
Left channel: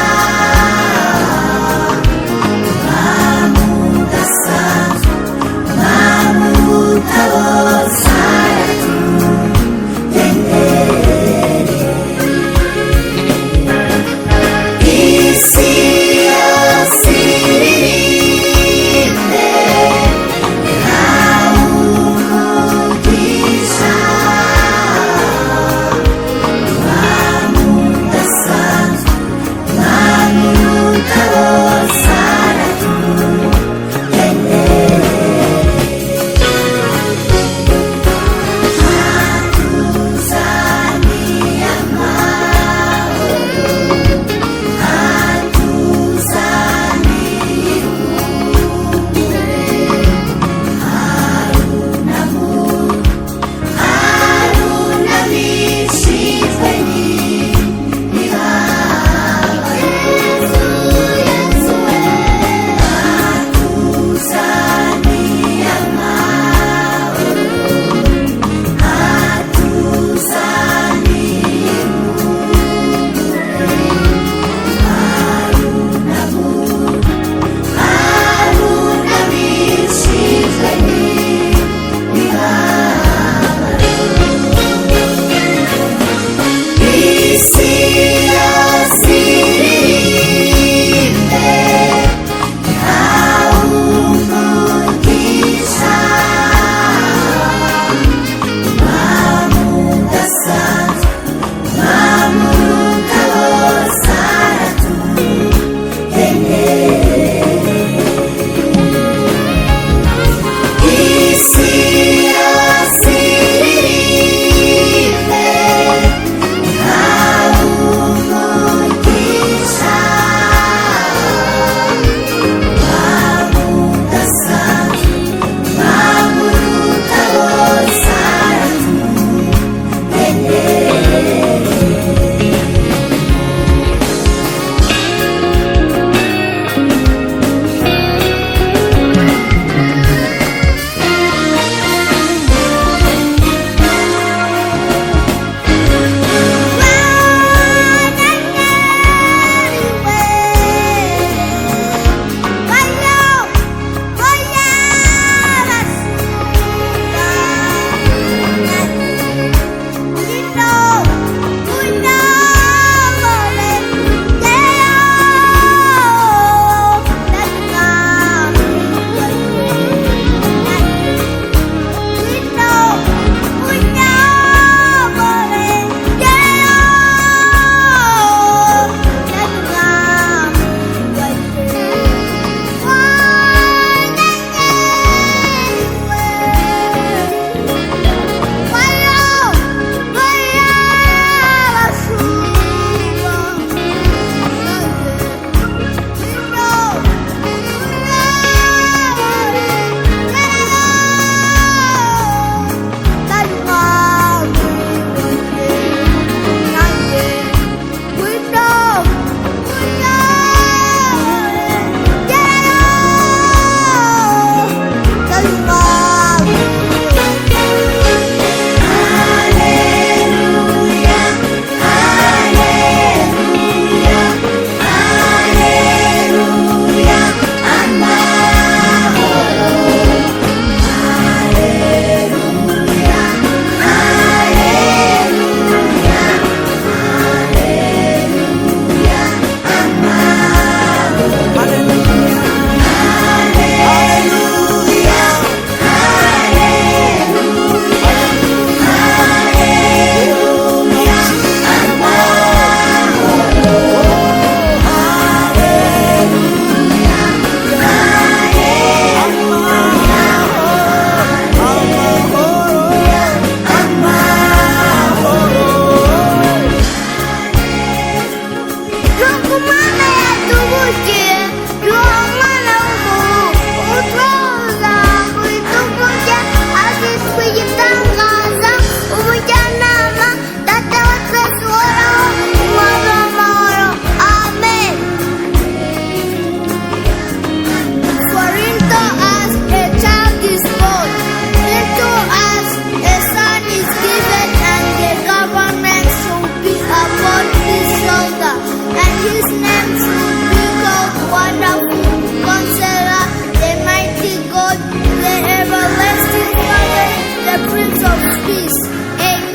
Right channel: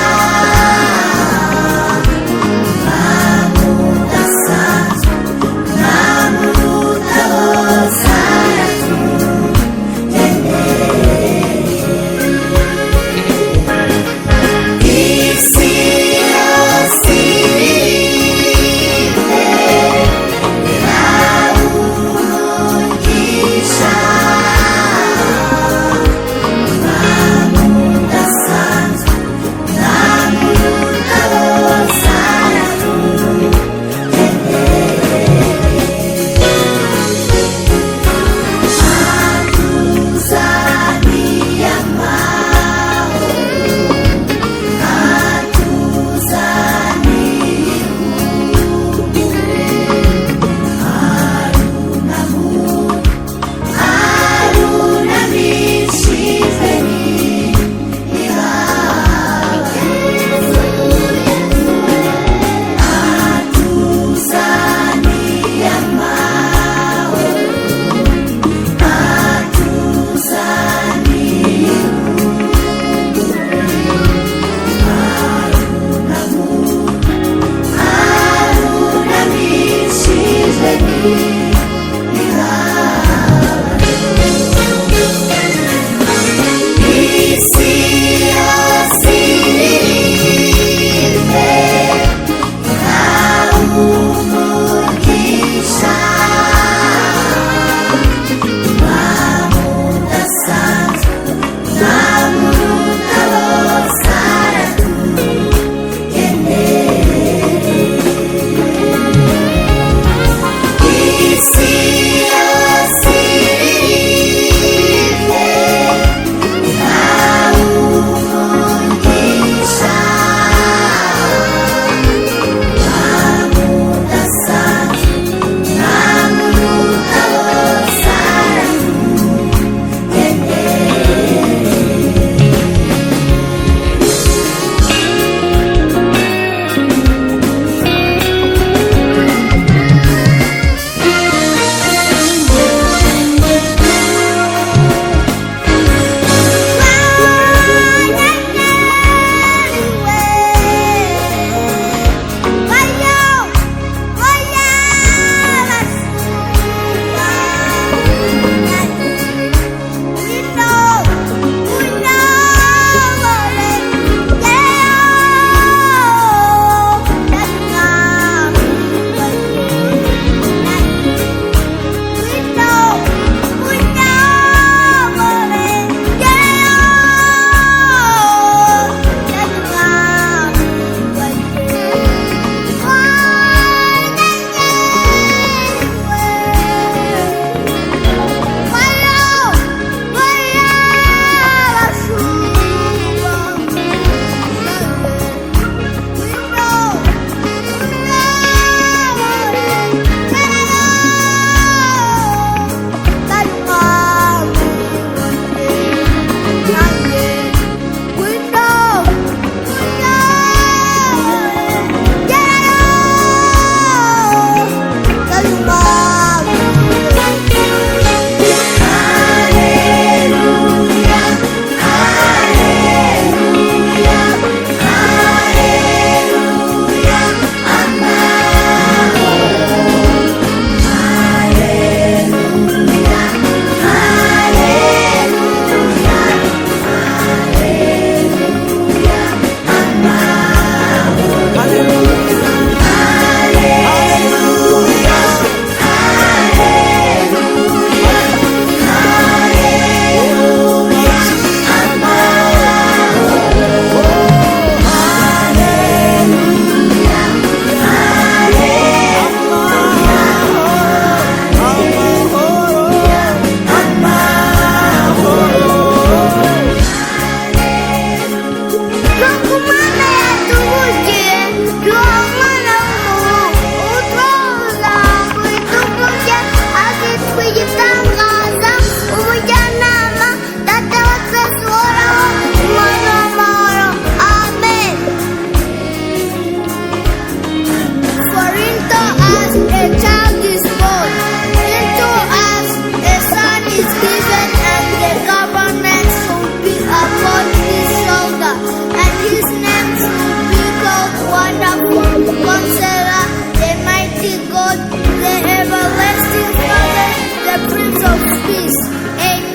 God's peace. Amen.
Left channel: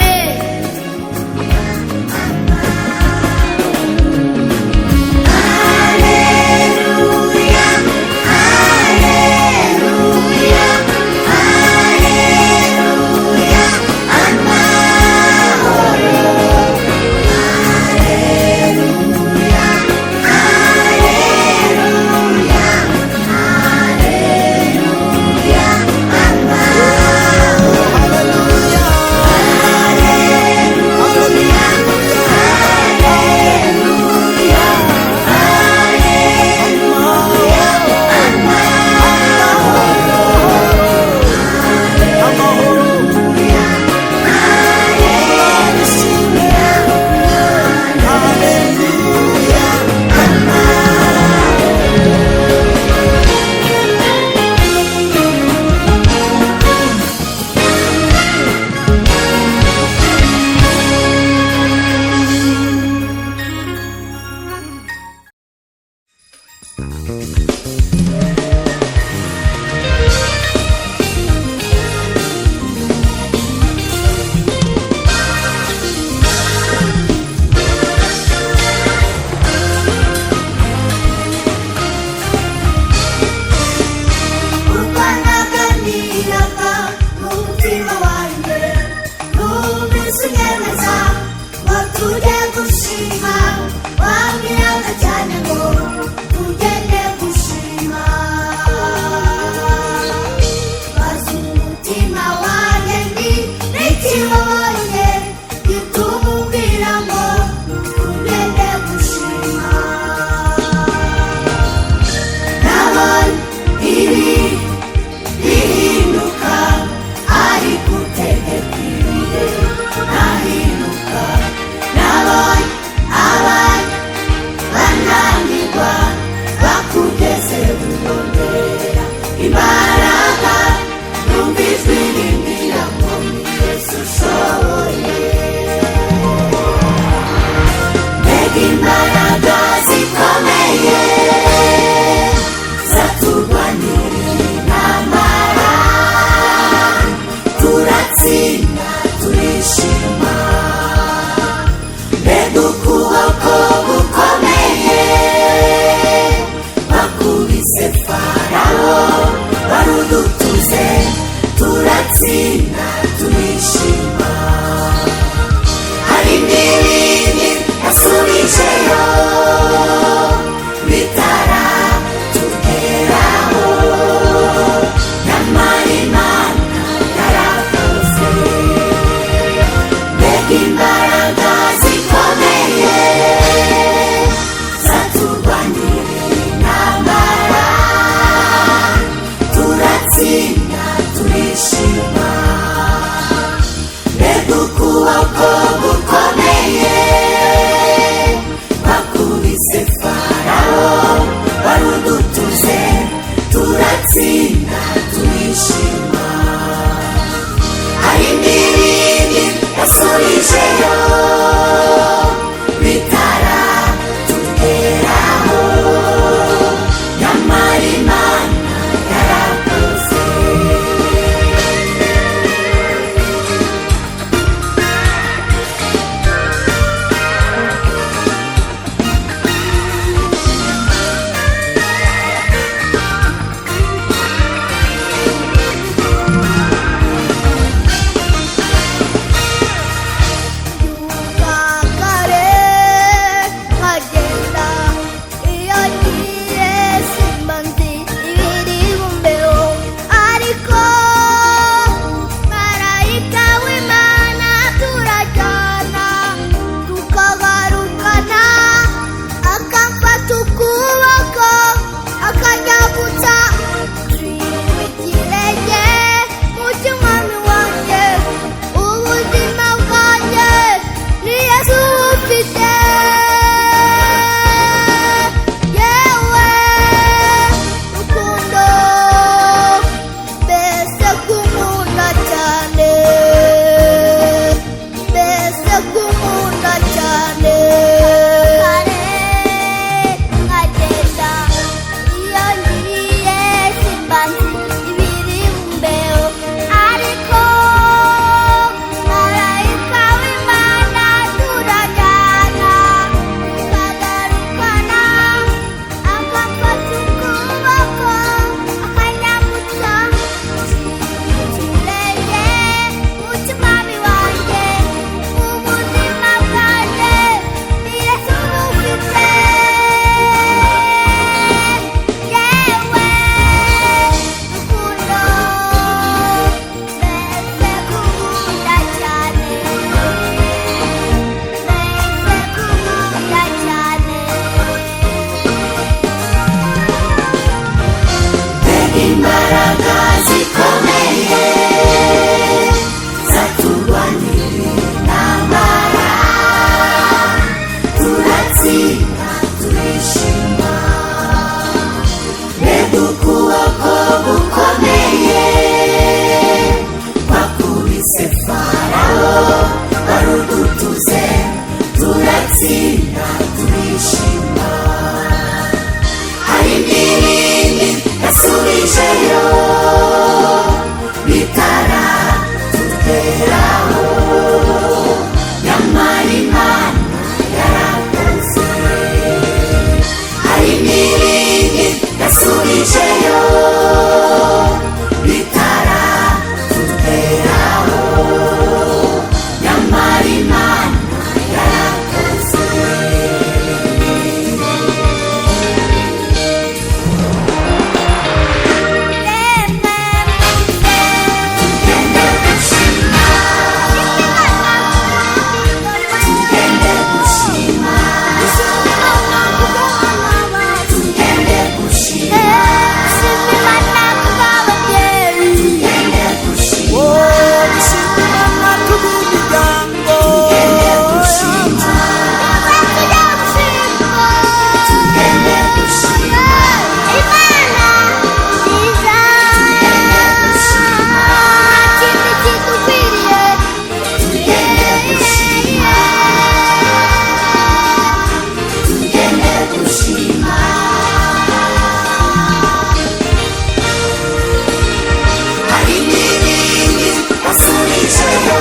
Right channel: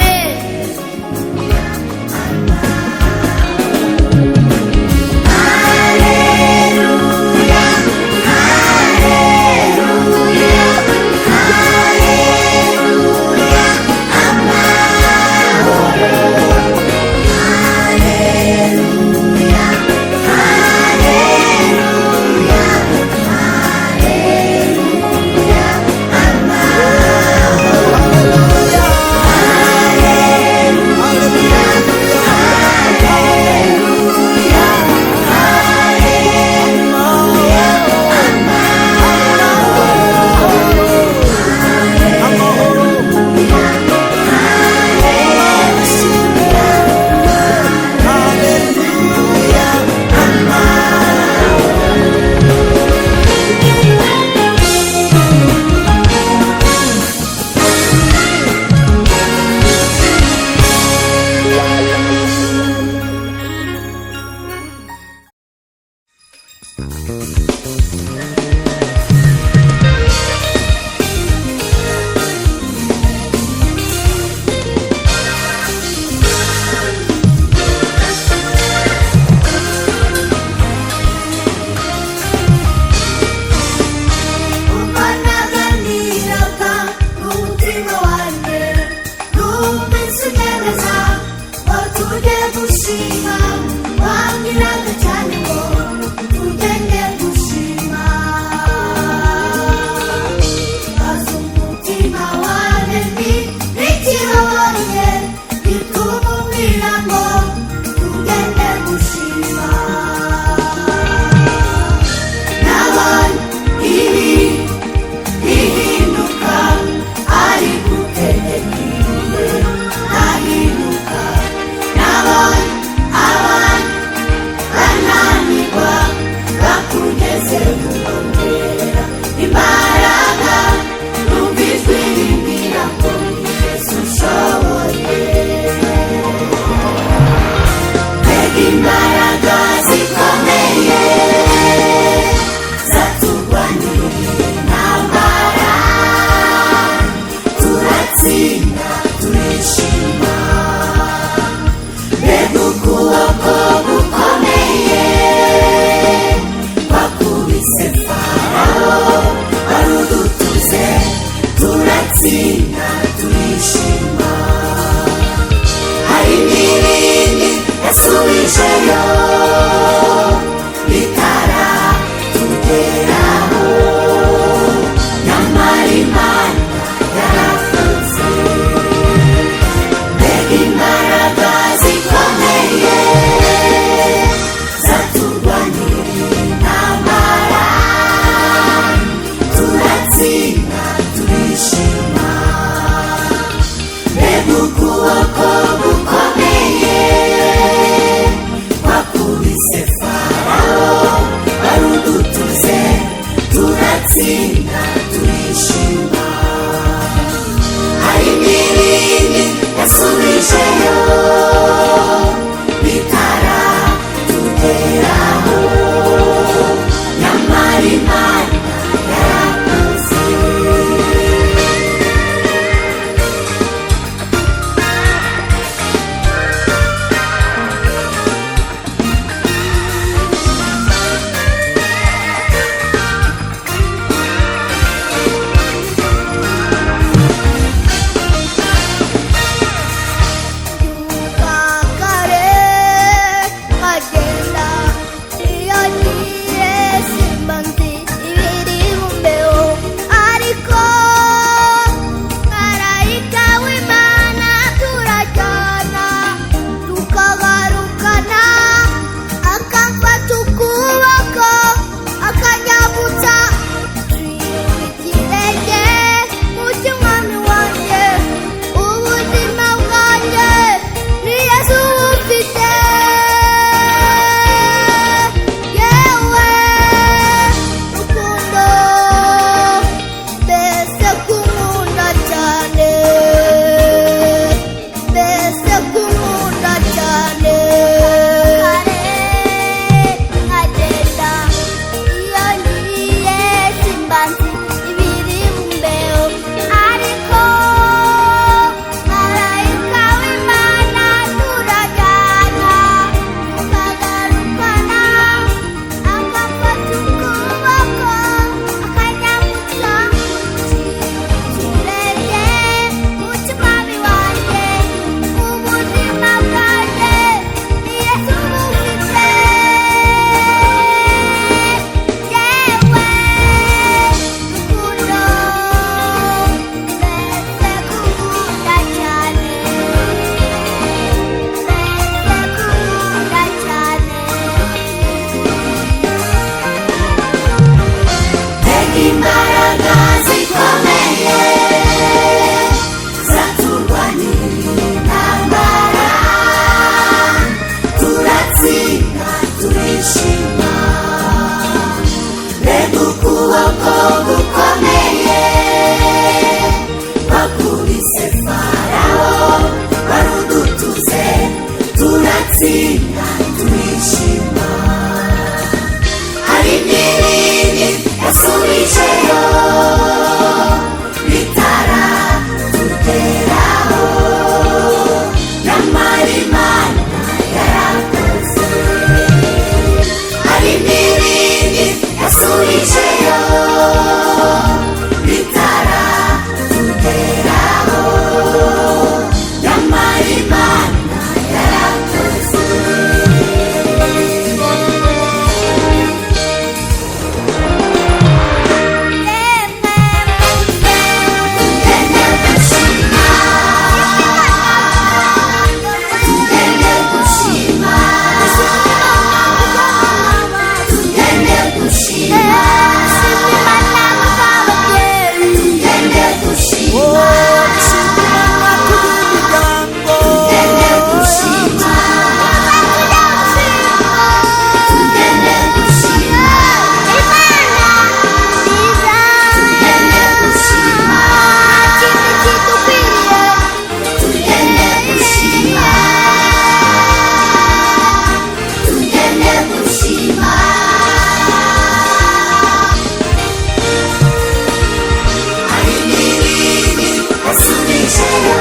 tugejeyo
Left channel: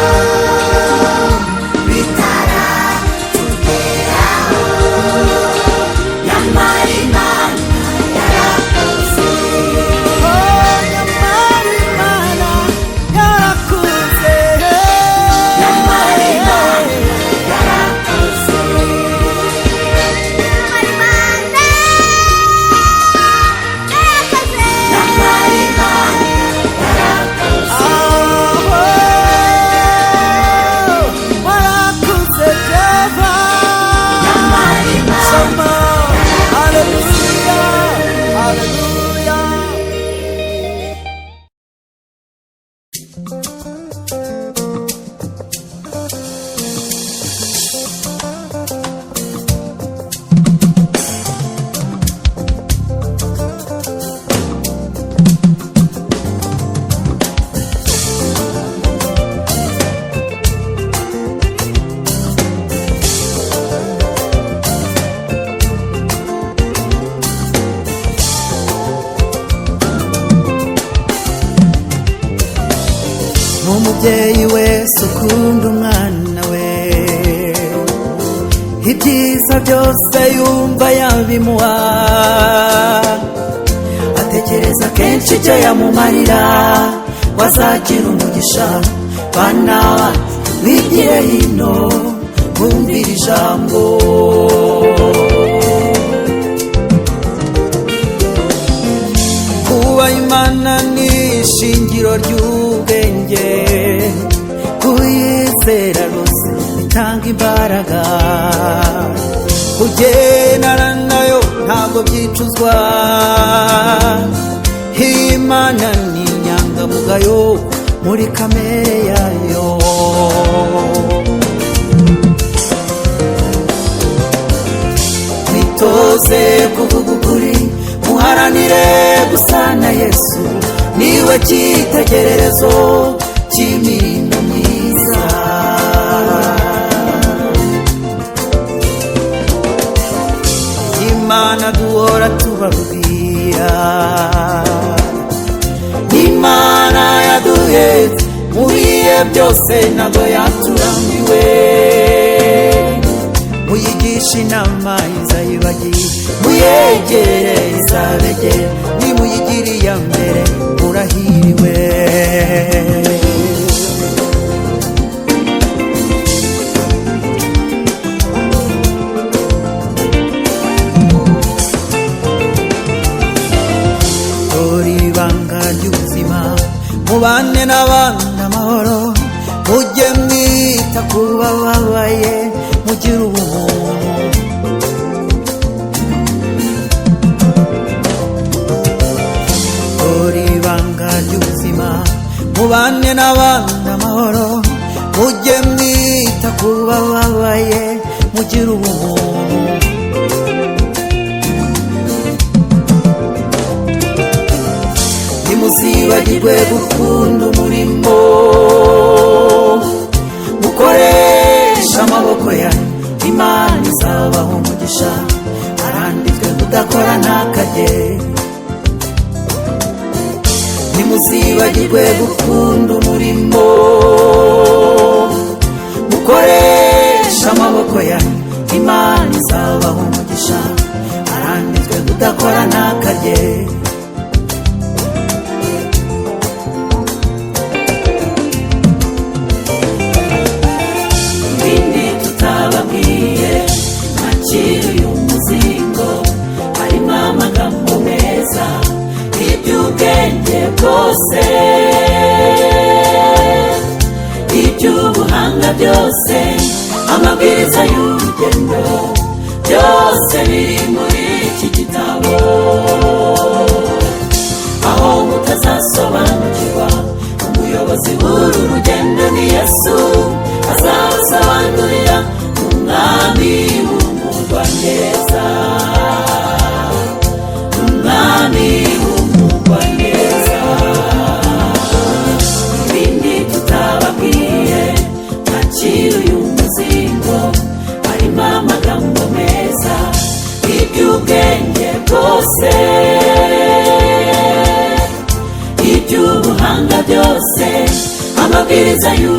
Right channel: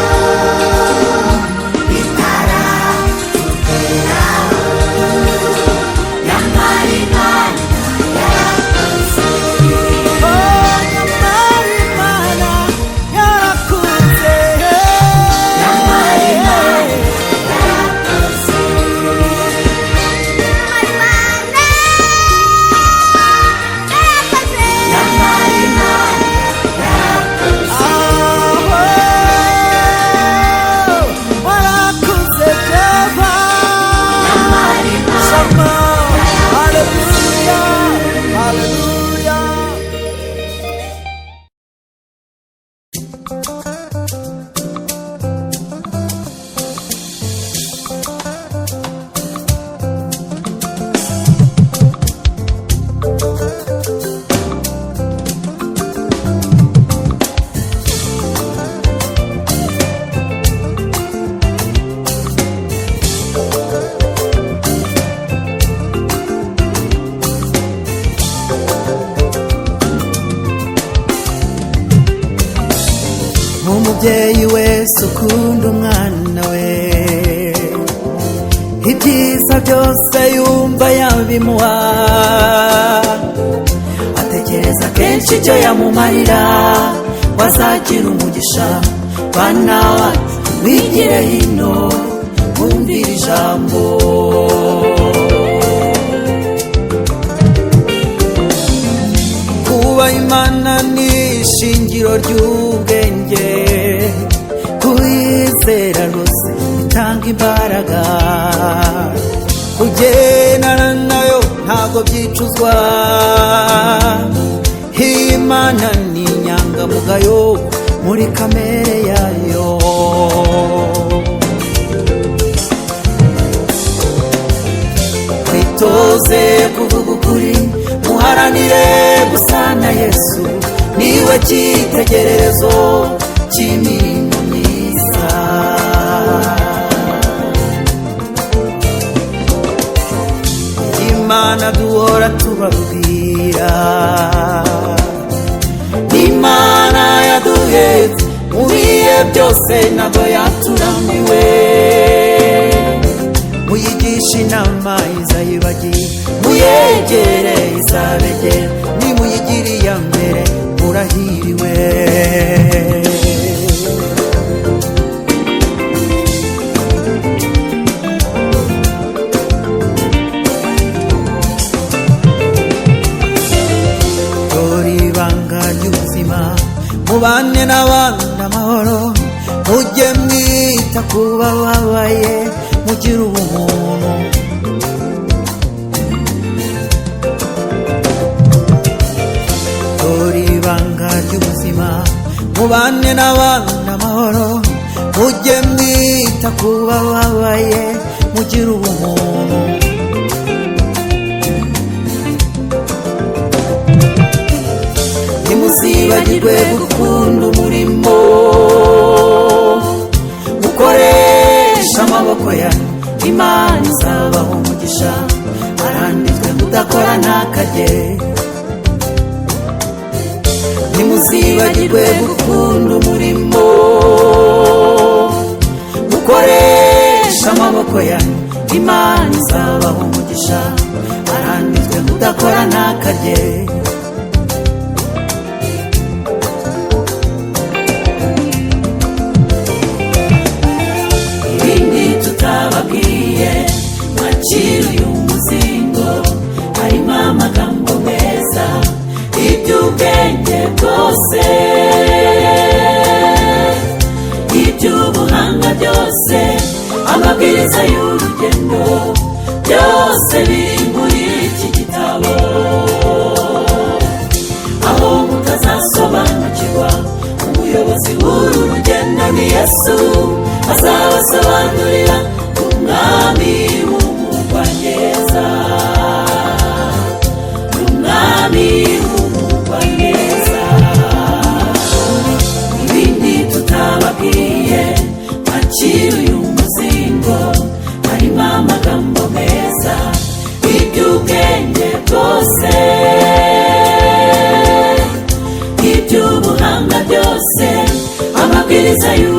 bitaratugeraho nyamara Imana yarakoze Oh, nyamara Imana yarakuze. nyamara Imana yarakoze nyamara Imana yarakoze Aho, warakuze Jehova. nyamara Imana Shama, hallelujah, hallelujah. Umubyeyi wese ukunda umwana we, ibyiza byose yumva yabimuha, atekereza kenshi icyo yamumarira, wazagira umugisha. Bana bacu wigire hino wumvire ijambo. Kuba Imana ni ishingiro ry'ubwenge, kuyizera rwose bitanga imbaraga, kugendana nayo ntago byicuzwa. Imana ni inyangamugayo muri kamere yayo. Mwitoze kuvuga ukuri, muharanire gusa na Yesu, niwe cyitegererezo cy'imirimo myiza. Imana duhora tubabwira, Imana yaduhetse mu bihe byose ntabwo yaturambiwe. Muyigisha inama izayibagira, muyegere izabegera, nimuyigire iya mbere murahiriwe. Dore ibanga ry'ubuzima, mubane n'abandi amahoro, mujye mwita ku bababaye, mugire ubumuntu. Dore ibanga ry'ubuzima, mubane n'abandi amahoro, mujye mwita ku bababaye, mugire ubumuntu. Ntimuzibagirwe gukunda umurimo, mukoresha amaboko yanyu, Imana izabaha umugisha. Haranditswe kudakora ntakarye. Ntimuzibagirwe gukunda umurimo, mukoresha amaboko yanyu, Imana izabaha umugisha. Haranditswe kudakora ntakarye. ibindi tutababwiye mwakira uyu muzingo, harimo amagambo meza, iby'ubwenge bwose, iby'ubuhanga byose, amabwiriza y'urugendo, byose biri muri iki gitabo. Aho mutazasobanukirwa, umuyobozi w'uru rugendo ni Yesu, azabasobanurira umwami w'umurwa neza, umwami w'umurwa neza. Ibindi tutababwiye mwakira uyu muzingo, harimo amagambo meza, iby'ubwenge bwose, iby'ubuhanga byose, amabwiriza y'u